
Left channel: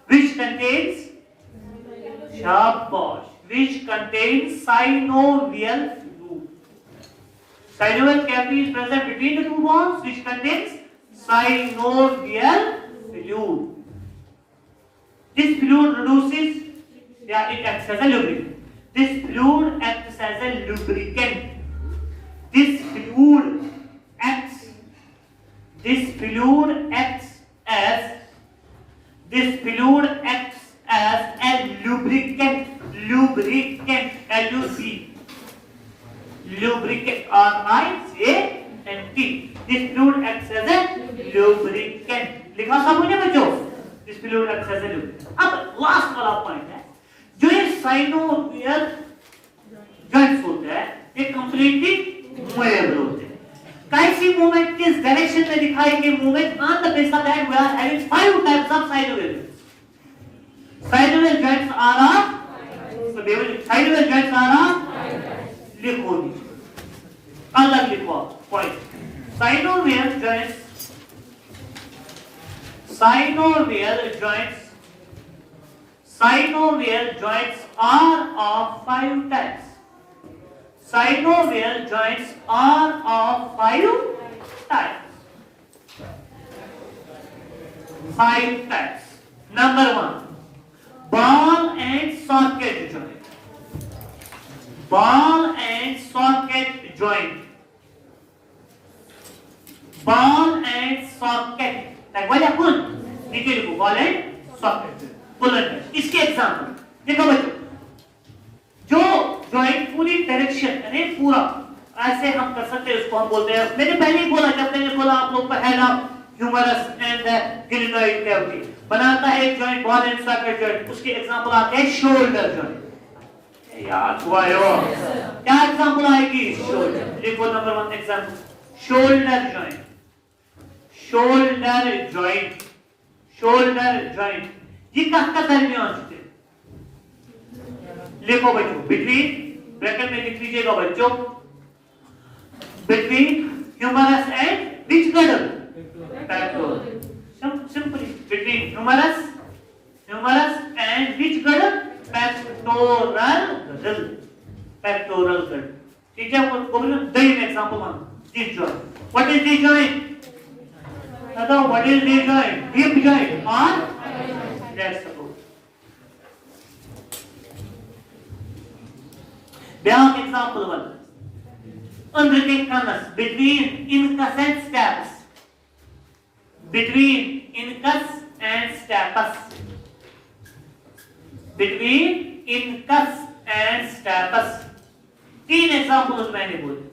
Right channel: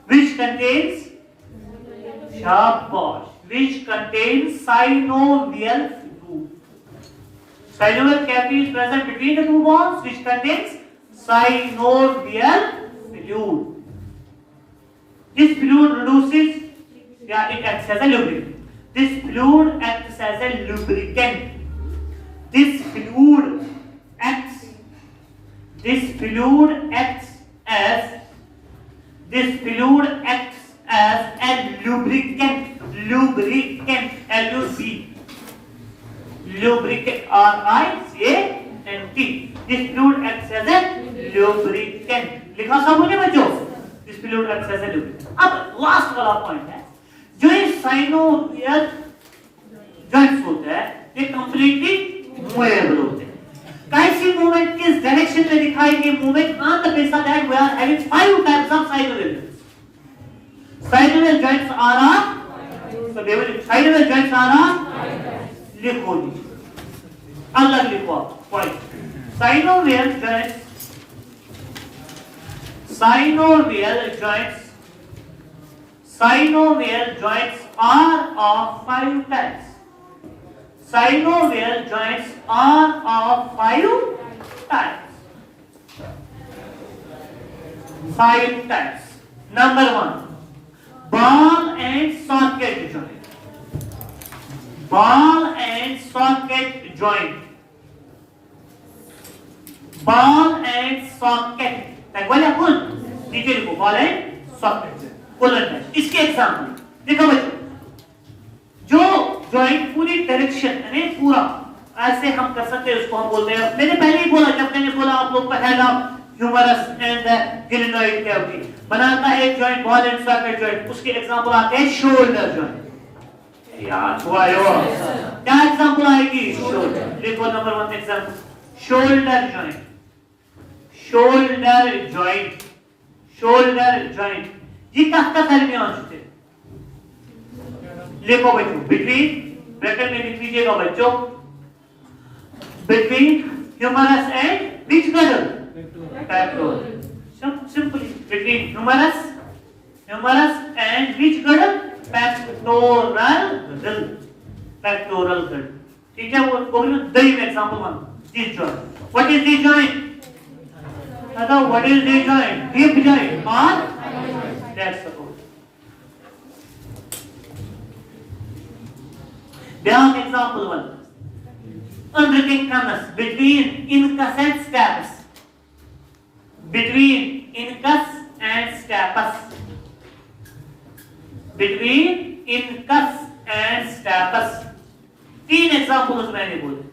which contains synovial fluid. Synovial cavity is present between the two bones, which contains synovial fluid. This fluid reduces, it acts as a lubricant. This fluid acts as a lubricant. This fluid acts as a lubricant. Lubricant R-I-C-A-N-T. This fluid acts as a lubricant. लिखा सब मुझे बच्चों. This fluid acts as a lubricant. अब लास्ट वाला पॉइंट है जो ये synovial joints होते हैं ये कंप्लीटली मूवेबल होते हैं. कैसी मूवमेंट किस डायरेक्शन में दिखाएंगे? Movement on the basis that we are having 5 types of synovial. Synovial joints are so synovial joints are लिखो लीजिए अलग लिखो point. Synovial joints are of 5 types. Synovial joints are of 5 types. 5 types. Number 1, ball and socket joint. Ball and socket joint. Ball and socket. Like what happened? Detail को ball and socket. इसके एग्जाम्पल देखो बच्चों. जो जॉइंट पूरी डायरेक्शन यानी पूरा ऐसे हम कर सकते हैं उसको हम बोलते हैं. मैंने पहले ही बोला जब मैंने बोला आप लोग का head of humerus and glenoid cavity बनाता है एक joint ball and socket joint. उसके एग्जांपल आते हैं शोल्डर जॉइंट. याद हुआ क्या एग्जांपल आएगी? शोल्डर. देखो नंबर 1 example shoulder joint. Shoulder joint ये कहाँ का दरमियान होते हैं? लिखो बच्चों बिटवीन ब्रैकेट में लिख लीजिएगा बच्चों between humerus and which girdle? Pectoral. Simply between humerus and which girdle? Pectoral girdle. ठीक है. वो दही में example one this joint. What is this joint? What is this joint? Hip joint और that support. Down example 1. Unbreaking canals between incus and stapes. Between incus and stapes. Between incus and stapes. 3 examples मैंने बोले.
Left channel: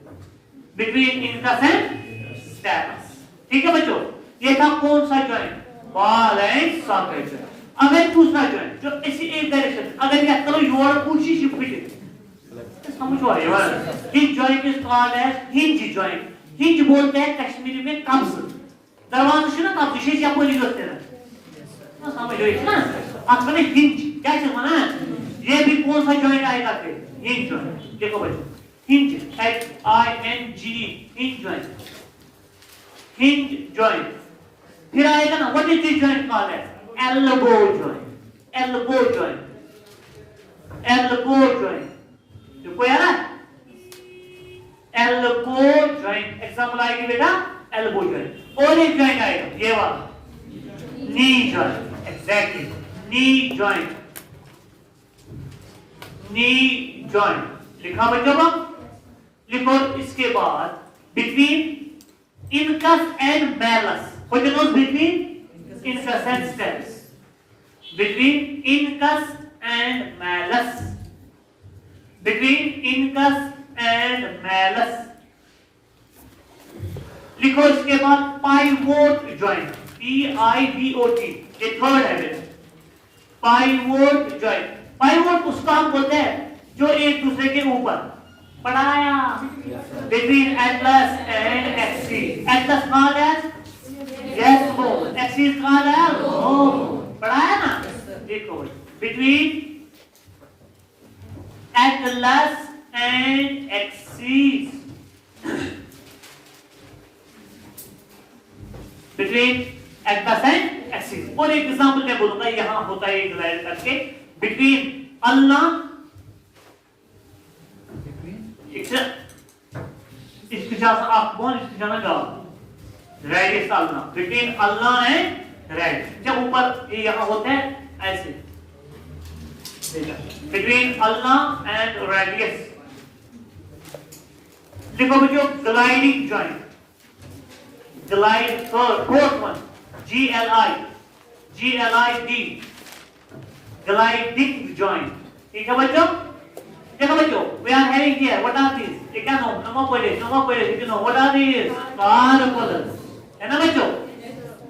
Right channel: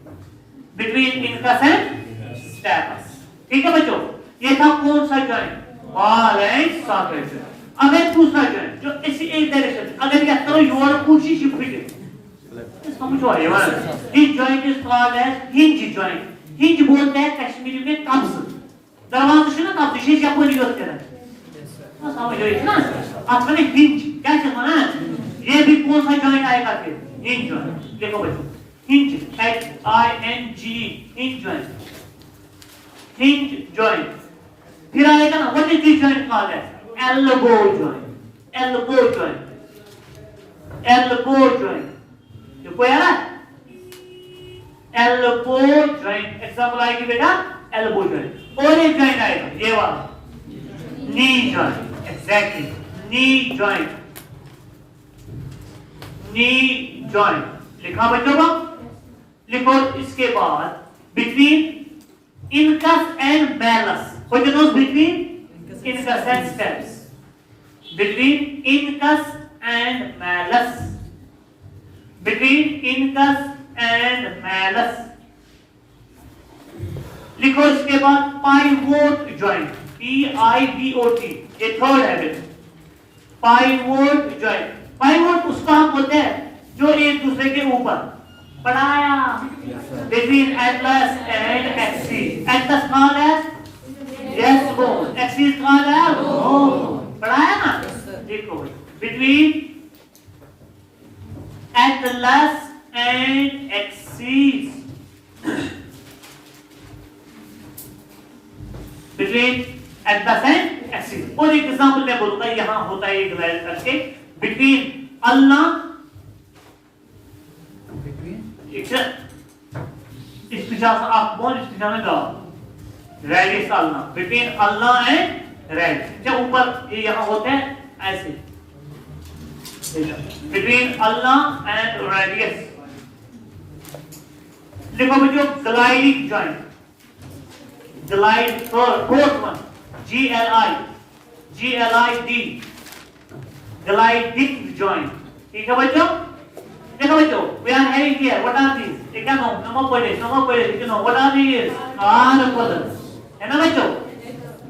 Between incus and stapes. ठीक है बच्चों. ये था कौन सा joint? Ball and socket joint. अगर दूसरा जॉइंट जो इसी एक डायरेक्शन अगर क्या करो you are pushing shift it समझो ये वाला this joint is called as hinge joint hinge बोलते हैं कश्मीरी में कब्ज दरवाजा से ना कब्ज से या बोली होते हैं समझो ये ना असल में हिंज क्या चलना है ये भी कौन सा जॉइंट आएगा फिर हिंज जॉइंट देखो बच्चों हिंज HING हिंज जॉइंट फिर आएगा ना what is this joint called as elbow joint देखो यार elbow joint एग्जांपल आएगी बेटा elbow joint और एक जॉइंट आएगा ये वाला knee joint exactly knee joint लिखा बच्चों को लिखो इसके बाद between incus and malleus what you know between incus and stapes between incus and malleus लिखो इसके बाद pivot joint PIVOT ये थर्ड है बेटा pivot joint pivot उसको हम बोलते हैं जो एक दूसरे के ऊपर पढ़ाया between atlas and axis atlas कौन है yes bone axis कौन है bone पढ़ाया ना देखो between atlas and axis between atlas and axis और एक एग्जांपल मैं बोलूंगा यहां होता है एक राइट करके between अल्लाह इस पिछा से आप बोन इस पिछा में गाओ रेडियस अल्लाह between अल्लाह एंड रेड जब ऊपर ये यहां होते हैं ऐसे between अल्लाह एंड रेडियस देखो बच्चों gliding joint glide fourth one GLID gliding joint ठीक है बच्चों देखो बच्चों we are having here what are these ठीक है नमो पढ़े you know what are these carpals है ना बच्चों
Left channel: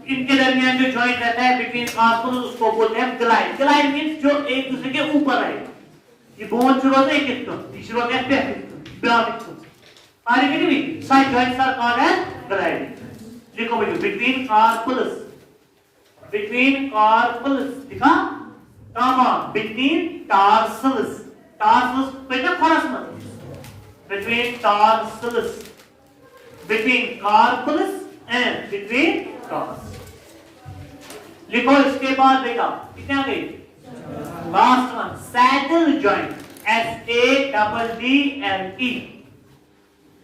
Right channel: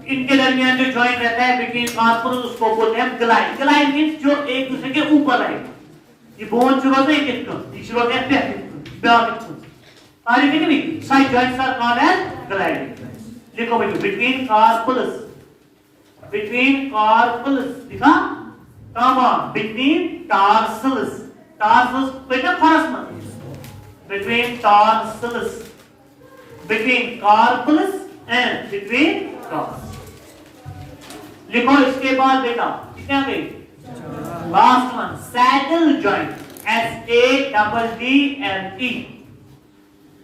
इनके दरमियान जो जॉइंट रहता है between carpals उसको बोलते हैं ग्लाइड मींस जो एक दूसरे के ऊपर है ये बोन शुरू होता है एक तीसरा होता है बैक आगे के नहीं side joints are called as glide देखो बच्चों between carpals दिखा कॉमा between tarsals बेटा फरस मत between tarsals between carpals and between tars लिखो इसके बाद बेटा कितने आ गए last one saddle joint SADDLE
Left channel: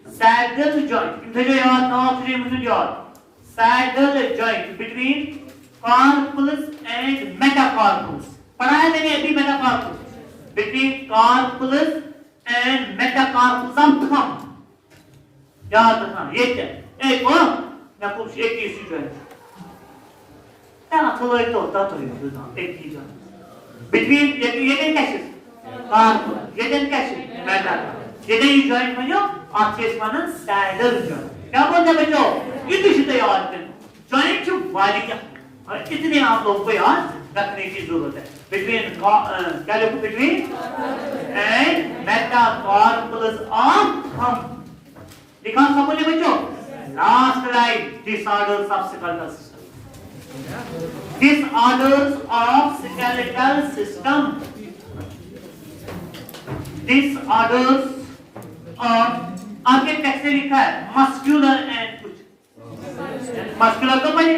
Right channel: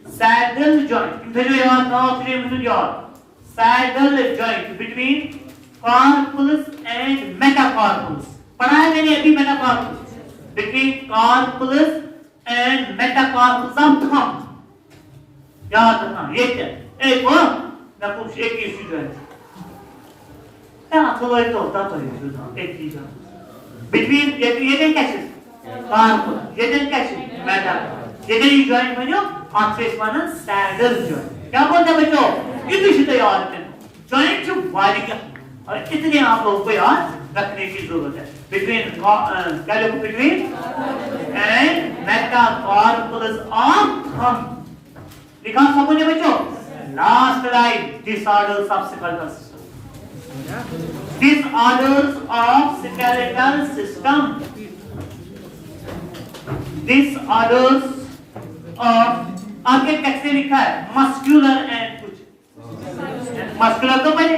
saddle joint मुझे याद ना फिर मुझे याद saddle joint between carpals and metacarpals पढ़ा है मैंने अभी metacarpals between carpals and metacarpals of thumb याद रखना ये क्या एक और मैं कुछ एक ही चीज है क्या तो एक होता तो एक चीज between ये नहीं कैसे carpal ये नहीं कैसे metacarpal ये नहीं joint में जो आखिरी वाला saddle joint क्या बोलते हैं बच्चों ये भी सीधे याद करें joint जो वाली का और इतने आप लोगों को याद रखने की जरूरत है between क्या लिखो between and metacarpals of thumb लिखा समझे बच्चों last line disorders of skeletal system disorders of skeletal system disorders of आगे टेक्स्ट में लिखा है muscular and कुछ muscular तो पहले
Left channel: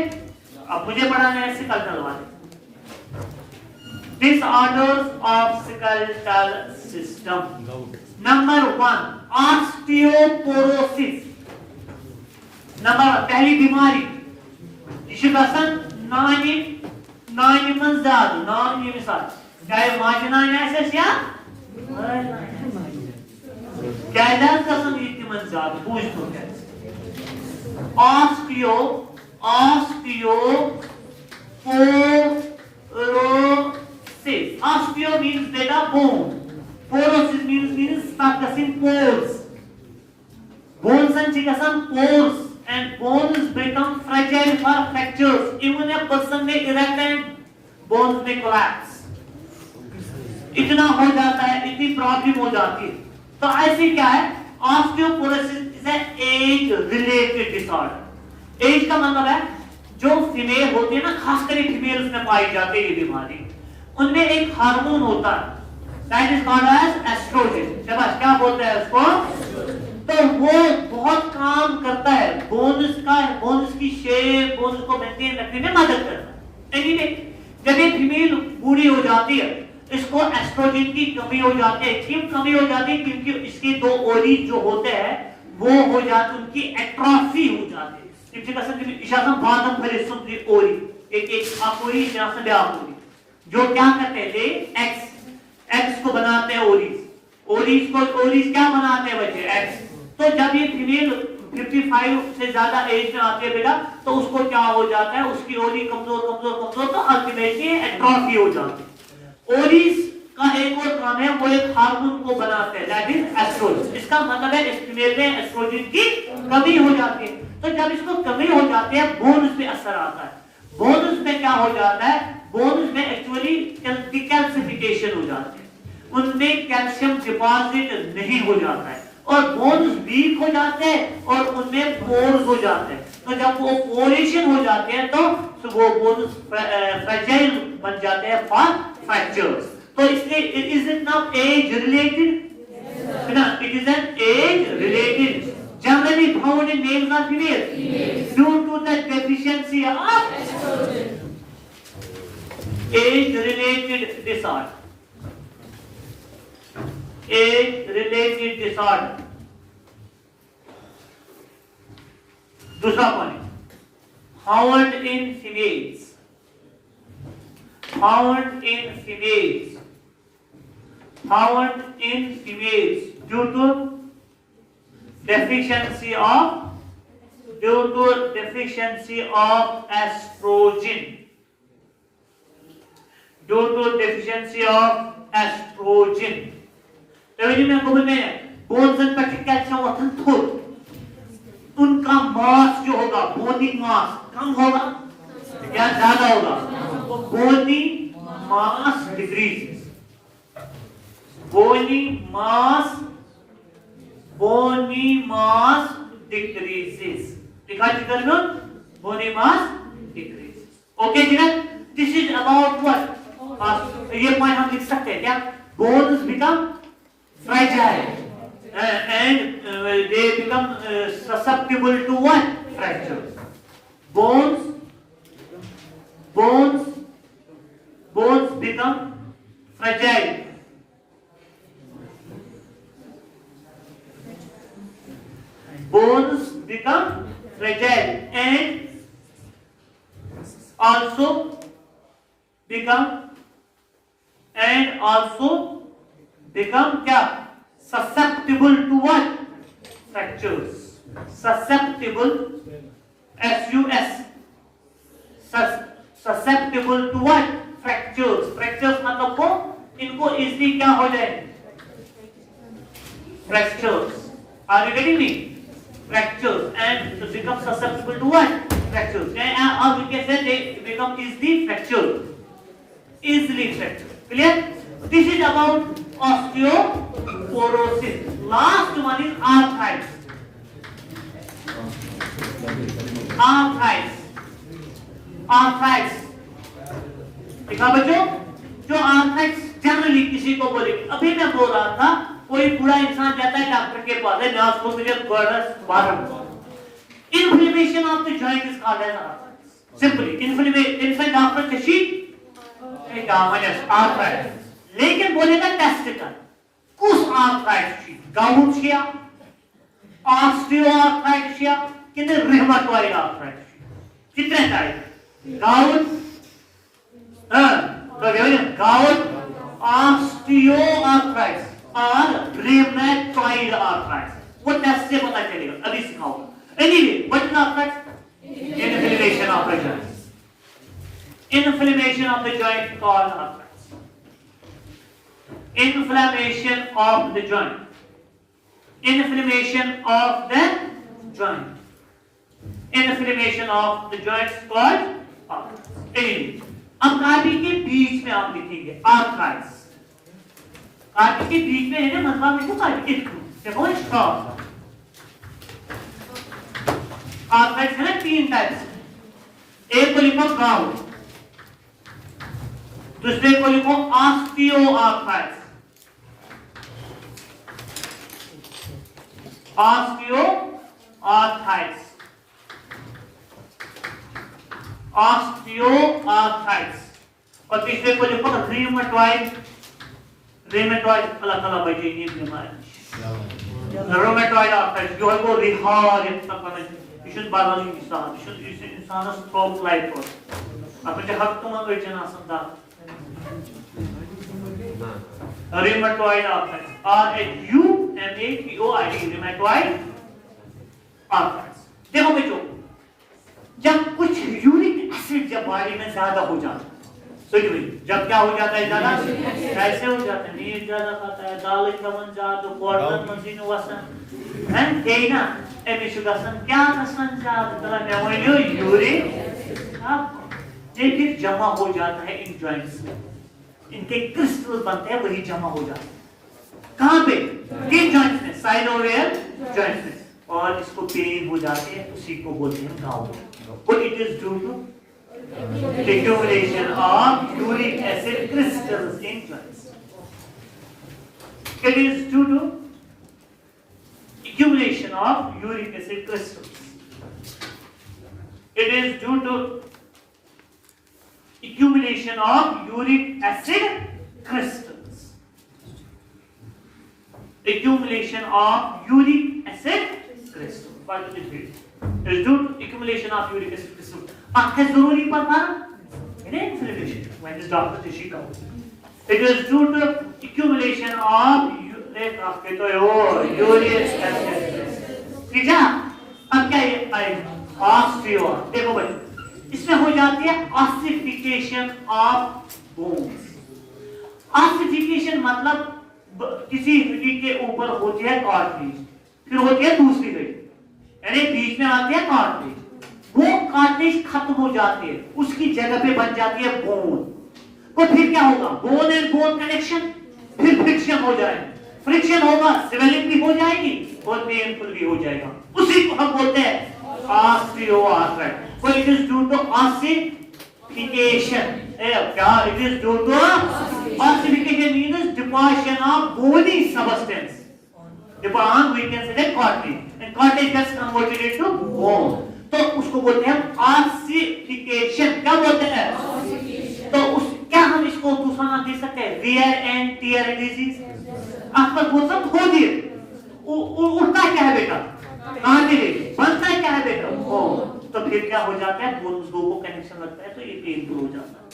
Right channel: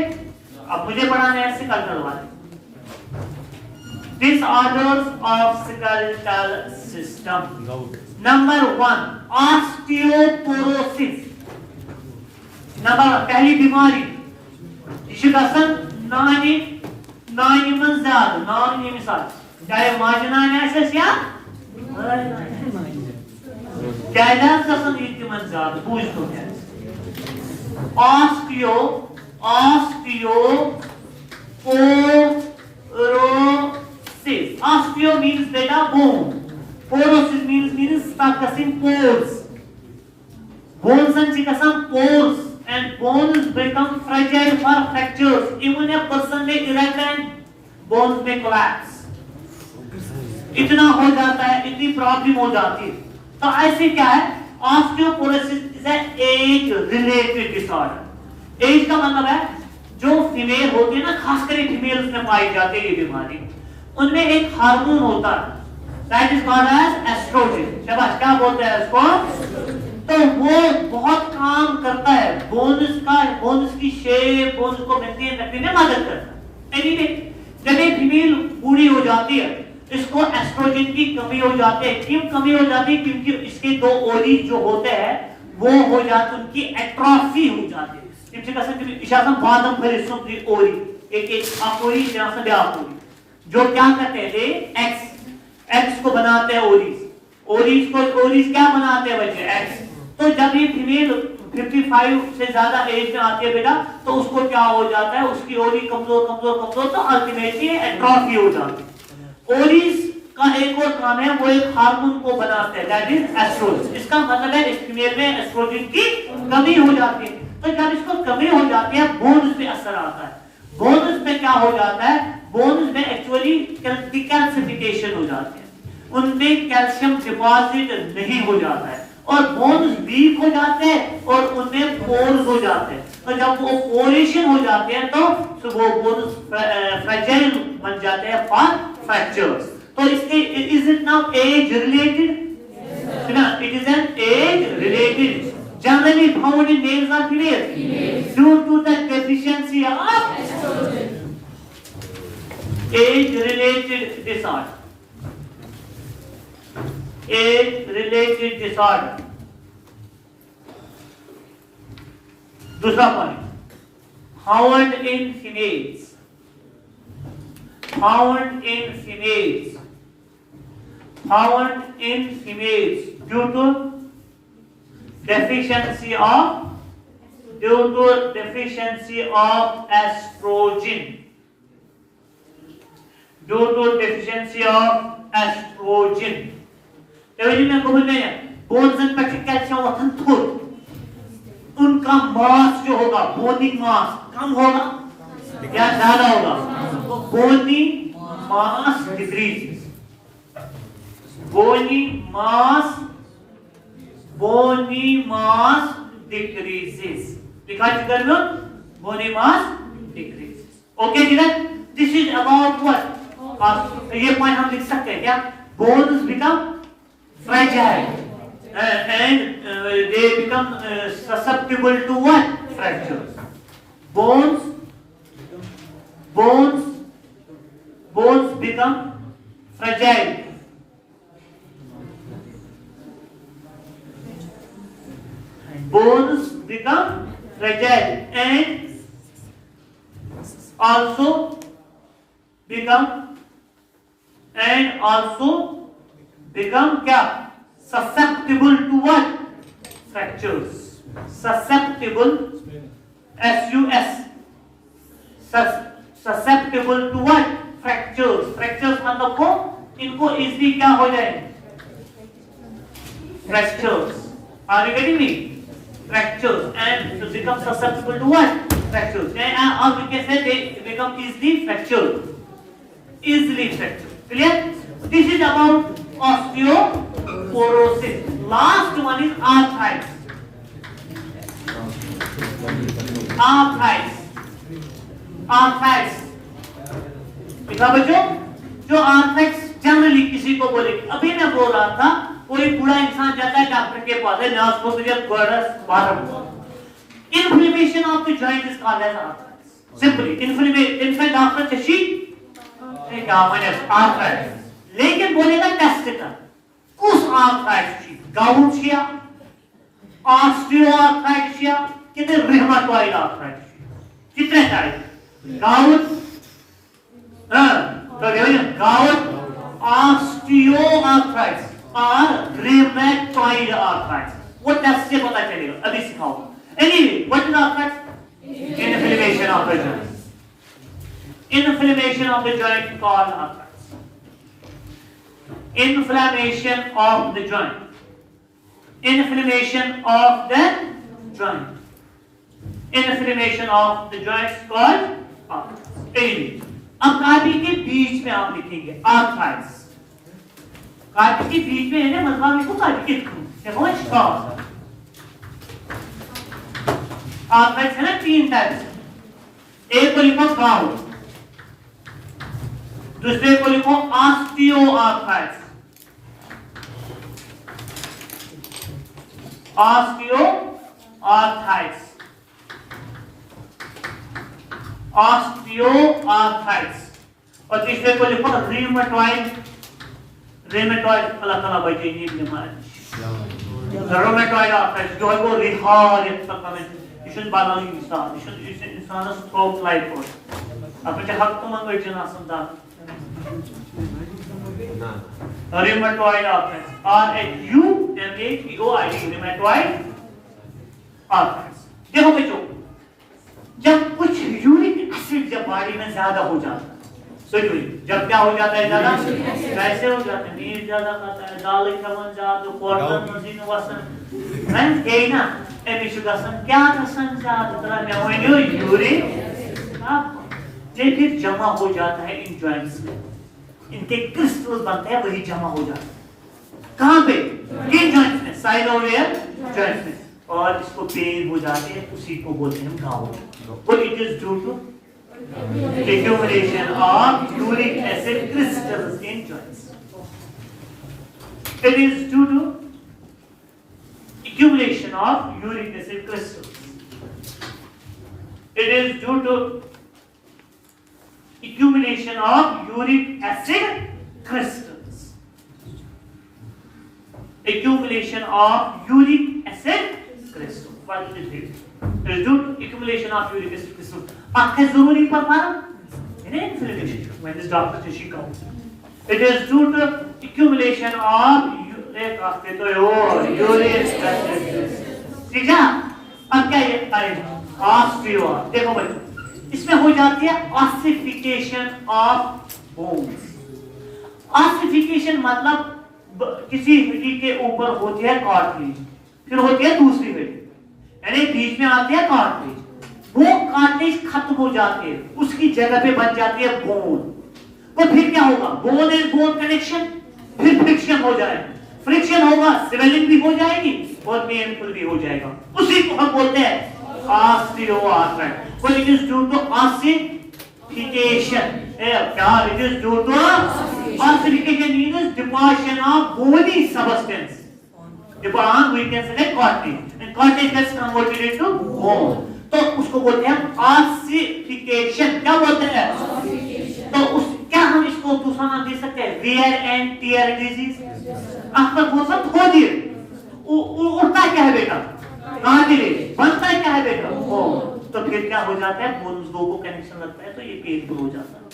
अब मुझे पढ़ाना है skeletal वाले disorders of skeletal system number 1 osteoporosis number पहली बीमारी इसी का सन नानी मन ज़्यादा नानी मिसाल चाहे माजना ऐसे क्या क्या का सन इतनी मन ज़्यादा पूछ तो क्या osteoporosis osteo means beta bone porosis means discussing pores bones and some pores and bones become fragile or fractures even a person may erect and bones may collapse इतना हो जाता है इतनी प्रॉब्लम हो जाती है तो ऐसे क्या है, osteoporosis is age related disorder. Age का मतलब है जो फीमेल होती है ना, खासकर फीमेल उसमें पाई जाती है ये बीमारी, उनमें एक हार्मोन होता है that is called as oestrogen. शाबाश, क्या बोलते हैं इसको? तो वो बहुत काम करता है बोन्स की शेप, बोन्स को मेंटेन रखने में मदद करता है। एनीवे, जब ये फीमेल बूढ़ी हो जाती है, इसको एस्ट्रोजन की कमी हो जाती है। क्यों कमी हो जाती है? क्योंकि इसके दो ओवरीज जो होते हैं वो हो जाते, उनकी एट्रोफी हो जाती है। इनसे कसम इशासम बादम भरे सुंदरी ओरी, एक अपोरी इशासम बे अपोरी, जो क्या करते हैं, ये एक्स को बनाते हैं ओरीज क्या बनाते हैं बच्चे? एक्स। तो जब ये फीमेल 55 से ज्यादा एज में आती है बेटा, तो उसको क्या हो जाता है, उसकी ओरी कमजोर तो अल्टीमेटली एट्रोफी हो जाती है। ओरीज का एक और काम है, वो एक हार्मोन को बनाते हैं दैट इज एस्ट्रोजन। इसका मतलब है इस फीमेल में एस्ट्रोजन की कमी हो जाती है। तो जब इसको कमी हो जाती है, बोन्स पे असर आता है। बोन्स में क्या हो जाता है? बोन्स में एक्चुअली कैल्सिफिकेशन हो जाती है, उनमें कैल्शियम डिपॉजिट नहीं हो जाता है और बोन्स वीक हो जाते हैं और उनमें पोर्स हो जाते हैं। तो जब वो पोरेशन हो जाते हैं तो वो बोन्स फ्रैजाइल बन जाते हैं फॉर फ्रैक्चर्स। तो इसके is it now age related? It is an age related, generally found in males or females due to the deficiency of age related disorder. Age related disorder. दूसरा point, found in females. Found in females due to deficiency of estrogen. Due to deficiency of estrogen. Every में बोल रहे हैं bones and pectic calcium वथन थोड़, उनका मास जो होगा, बोनी मास कम होगा या ज्यादा होगा? बोनी मास डिक्रीजेस। Bony mass decreases. लिखा जिधर में bony mass decreases. Okay जिधर? This is about what? ये पॉइंट हम लिख सकते हैं क्या? Bones become fragile and they become susceptible to what? Fractures. Bones become fragile. Bones become fragile and also become क्या? Susceptible to what? Fractures. Susceptible, S-U-S. Susceptible to what? Fractures. Fractures मतलब को इनको easily क्या हो जाए? Fractures. Are you getting me? Fractures and to become susceptible to what? Fractures. Or we can say they become easily fractured. Clear? This is about osteoporosis. Last one is arthritis. देखा बच्चों, जो arthritis generally किसी को बोले, अभी मैं बोल रहा था, कोई बूढ़ा इंसान जाता है डॉक्टर के पास, है ना, उसको मुझे inflammation of the joint is called as arthritis. Simply, inflammation after the sheet, arthritis. लेकिन बोलेगा टेस्टिकल, कुछ आर्थराइटिस, गाउट या ऑस्टियोआर्थराइटिस या कितने रिहेमेटॉइड आर्थराइटिस, कितने टाइप? गाउट, ऑस्टियोआर्थराइटिस और रिहेमेटॉइड आर्थराइटिस। वो टेस्ट से पता चलेगा, अभी सिखाऊंगा। Anyway, what is arthritis? Inflammation of the joint. Inflammation of the joint called arthritis. Inflammation of the joint. Inflammation of the joint. Inflammation of the joint is called arthritis. Anyway, अब काफी के बीच में आप लिखेंगे arthritis. कार्टिक के बीच में है ना मतलब इसको कार्टिक देखो स्ट्रॉस आर्थराइटिस है ना 3 टाइप्स, एक को लिखो गाउट, दूसरे को लिखो ऑस्टियोआर्थराइटिस, ऑस्टियोआर्थराइटिस, ऑस्टियोआर्थराइटिस, और तीसरे को लिखो रिमेटॉइड, रिमेटॉइड अलग-अलग बचे ये बीमारी, रिमेटॉइड आर्थराइटिस जो है वो रिहार ये शुद्ध बालों की मिसाल, शुद्ध इंसान स्ट्रोक लाइफ को, अपने हक तो ना कोई जना संदा, rheumatoid arthritis, RHUMATOID rheumatoid arthritis. देखो बच्चों, जब कुछ यूरिक एसिड जब बॉडी में ज्यादा हो जाता है, जब क्या हो जाता है ज्यादा, कैसे हो जाता है, नींद ज्यादा खाता है, दाल इतना ज्यादा, क्वार्टर मशीन वसन, हैं केना एमिशु गसन क्या गसन ज्यादा तरह क्या हुआ यूरिक अब ये फिर जमा हो जाता है इन जॉइंट्स में, इनके क्रिस्टल बनते हैं वही जमा हो जाता है, कहां पे, किन जॉइंट्स में, साइनोवियल जॉइंट्स में, और इसको पेन हो जाते हैं, उसी को बोलते हैं गाउट। तो it is due to accumulation of uric acid crystals in joints. It is due to accumulation of uric acid crystals. It is due to accumulation of uric acid crystals. Accumulation of uric acid crystals. What is it? It is due to accumulation of uric acid crystals. आंखें जरूरी पड़ना है inflammation when this doctor tissue comes. It is due to accumulation of uric acid. ठीक है, अब क्या ये आएगा ऑस्टियो, देखो बच्चों इसमें हो जाती है ऑसिफिकेशन ऑफ बोन्स। ऑसिफिकेशन मतलब किसी हड्डी के ऊपर होती है कार्टिलेज, फिर होती है दूसरी हड्डी, यानी बीच में आती है कार्टिलेज, वो कार्टिलेज खत्म हो जाती है, उसकी जगह पे बन जाती है बोन, तो फिर क्या होगा, बोन एंड बोन कनेक्शन, फिर फ्रिक्शन हो जाएगा, फ्रिक्शन होगा स्वेलिंग भी हो जाएगी और पेनफुल भी हो जाएगा, उसी को हम बोलते हैं osteoarthritis. So it is due to ossification. क्या it is due to ossification means deposition of bony substance. Deposition we can say cartilage, and cartilage gets converted into bone. तो उसको बोलते हैं ossification. क्या बोलते हैं? तो उस क्या हम इसको दूसरा नाम दे सकते हैं? Wear and tear disease. आपका बहुत सब खो दिए, उड़ता क्या है बेटा? कार्टिलेज, बनता क्या है बेटा? बोन। तो फिर क्या हो जाता है, बोन्स दो को कनेक्शन लगता है तो ये पेनफुल हो जाता है,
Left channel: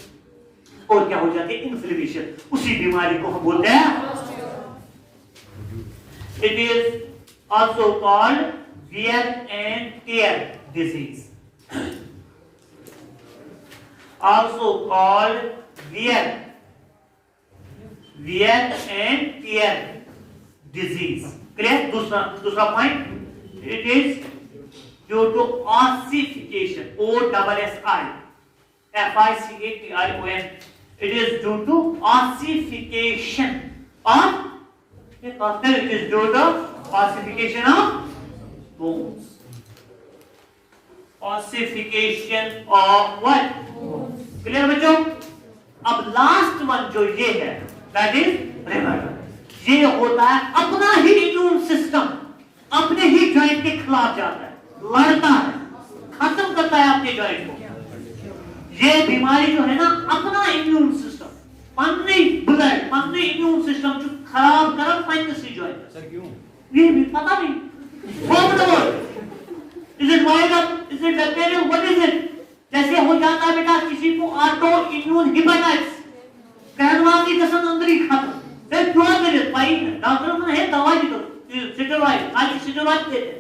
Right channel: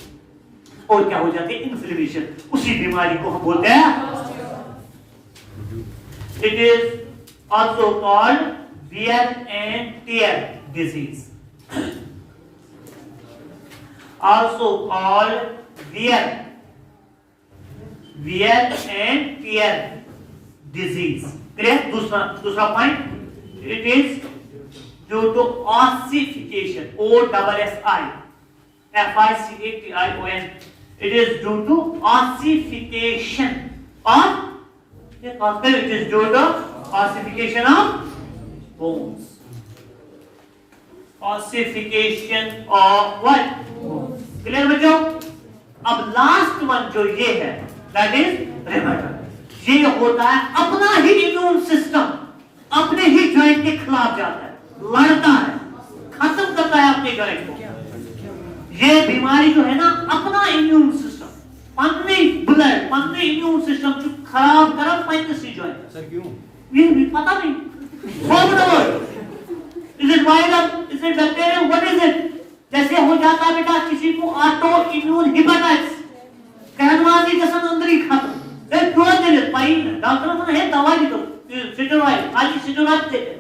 और क्या हो जाती है इन्फ्लेमेशन, उसी बीमारी को हम बोलते हैं। It is also called wear and tear disease, also called wear and tear disease. Clear? दूसरा point, it is due to ossification, OSSIFICATION. It is due to ossification of, it is due to ossification of bones. Ossification of what? Clear बच्चों? अब last one जो ये है, that is rheumatoid. ये होता है अपना ही इम्यून सिस्टम अपने ही जॉइंट के खिलाफ जाता है, लड़ता है, खत्म करता है आपके जॉइंट को। ये बीमारी जो है ना, अपना इम्यून सिस्टम, अपने ब्लड, अपने इम्यून सिस्टम जो खराब तरफ पैंतसी जॉइंट। सर क्यों? ये भी पता नहीं। Is it viral? Is it bacterial? What is it? जैसे हो जाता है बेटा किसी को ऑटो इम्यून हेपेटाइटिस, कहनवासी जैसा अंदर ही खत्म, फिर क्यों दे दे पाई डॉक्टर को है दवाई दे दो, स्टेरॉइड, खाली स्टेरॉइड देते हैं।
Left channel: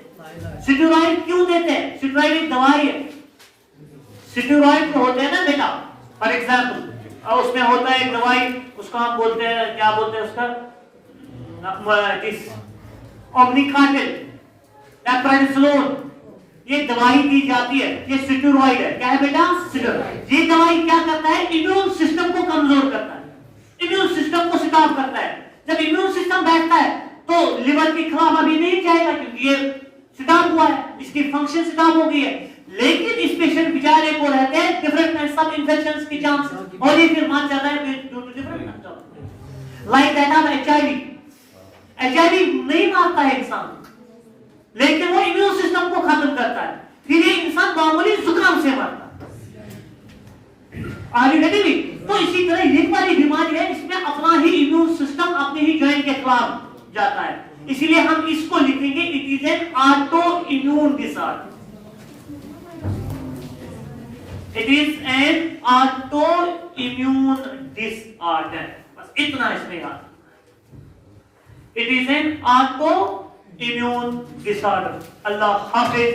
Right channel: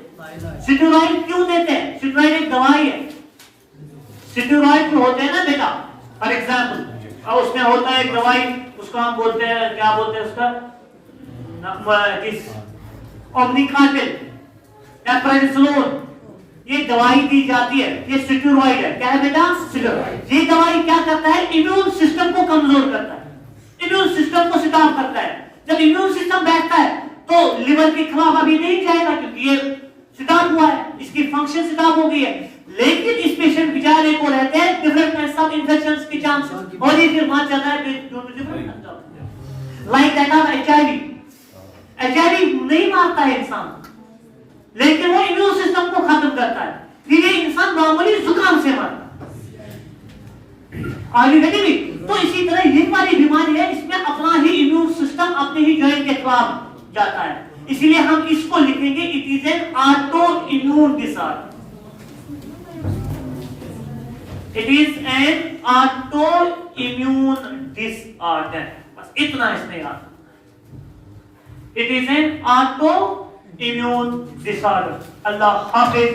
स्टेरॉइड क्यों देते हैं? स्टेरॉइड एक दवाई है, स्टेरॉइड जो होते हैं ना बेटा, फॉर एग्जांपल उसमें होता है एक दवाई, उसको हम बोलते हैं, क्या बोलते हैं उसका, इस ओमनिकाटिल, एप्रेनिसोलोन, ये दवाई दी जाती है, ये स्टेरॉइड है। क्या है बेटा? स्टेरॉइड। ये दवाई क्या करता है? इम्यून सिस्टम को कमजोर करता है, इम्यून सिस्टम को स्टॉप करता है, जब इम्यून सिस्टम बैठता है तो लिवर के खिलाफ अभी नहीं जाएगा क्योंकि ये स्टॉप हुआ है, इसकी फंक्शन स्टॉप हो गई है। लेकिन इस पेशेंट बेचारे को रहते हैं डिफरेंट काइंड्स ऑफ इन्फेक्शंस के चांस और ये फिर मर जाता है लाइक दैट ऑफ एचआईवी नहीं मारता है इंसान, लेकिन वो इम्यून सिस्टम को खत्म करता है, फिर ये इंसान नॉर्मली जुकाम से मरता है। तो इसी तरह ये वाली बीमारी है, इसमें अपना ही इम्यून सिस्टम अपने ही जॉइंट के खिलाफ जाता है, इसलिए हम इसको लिखेंगे it is an auto immune disorder. It is an auto immune disorder, बस इतना इसमें याद। It is an auto immune disorder. Allah Hafiz.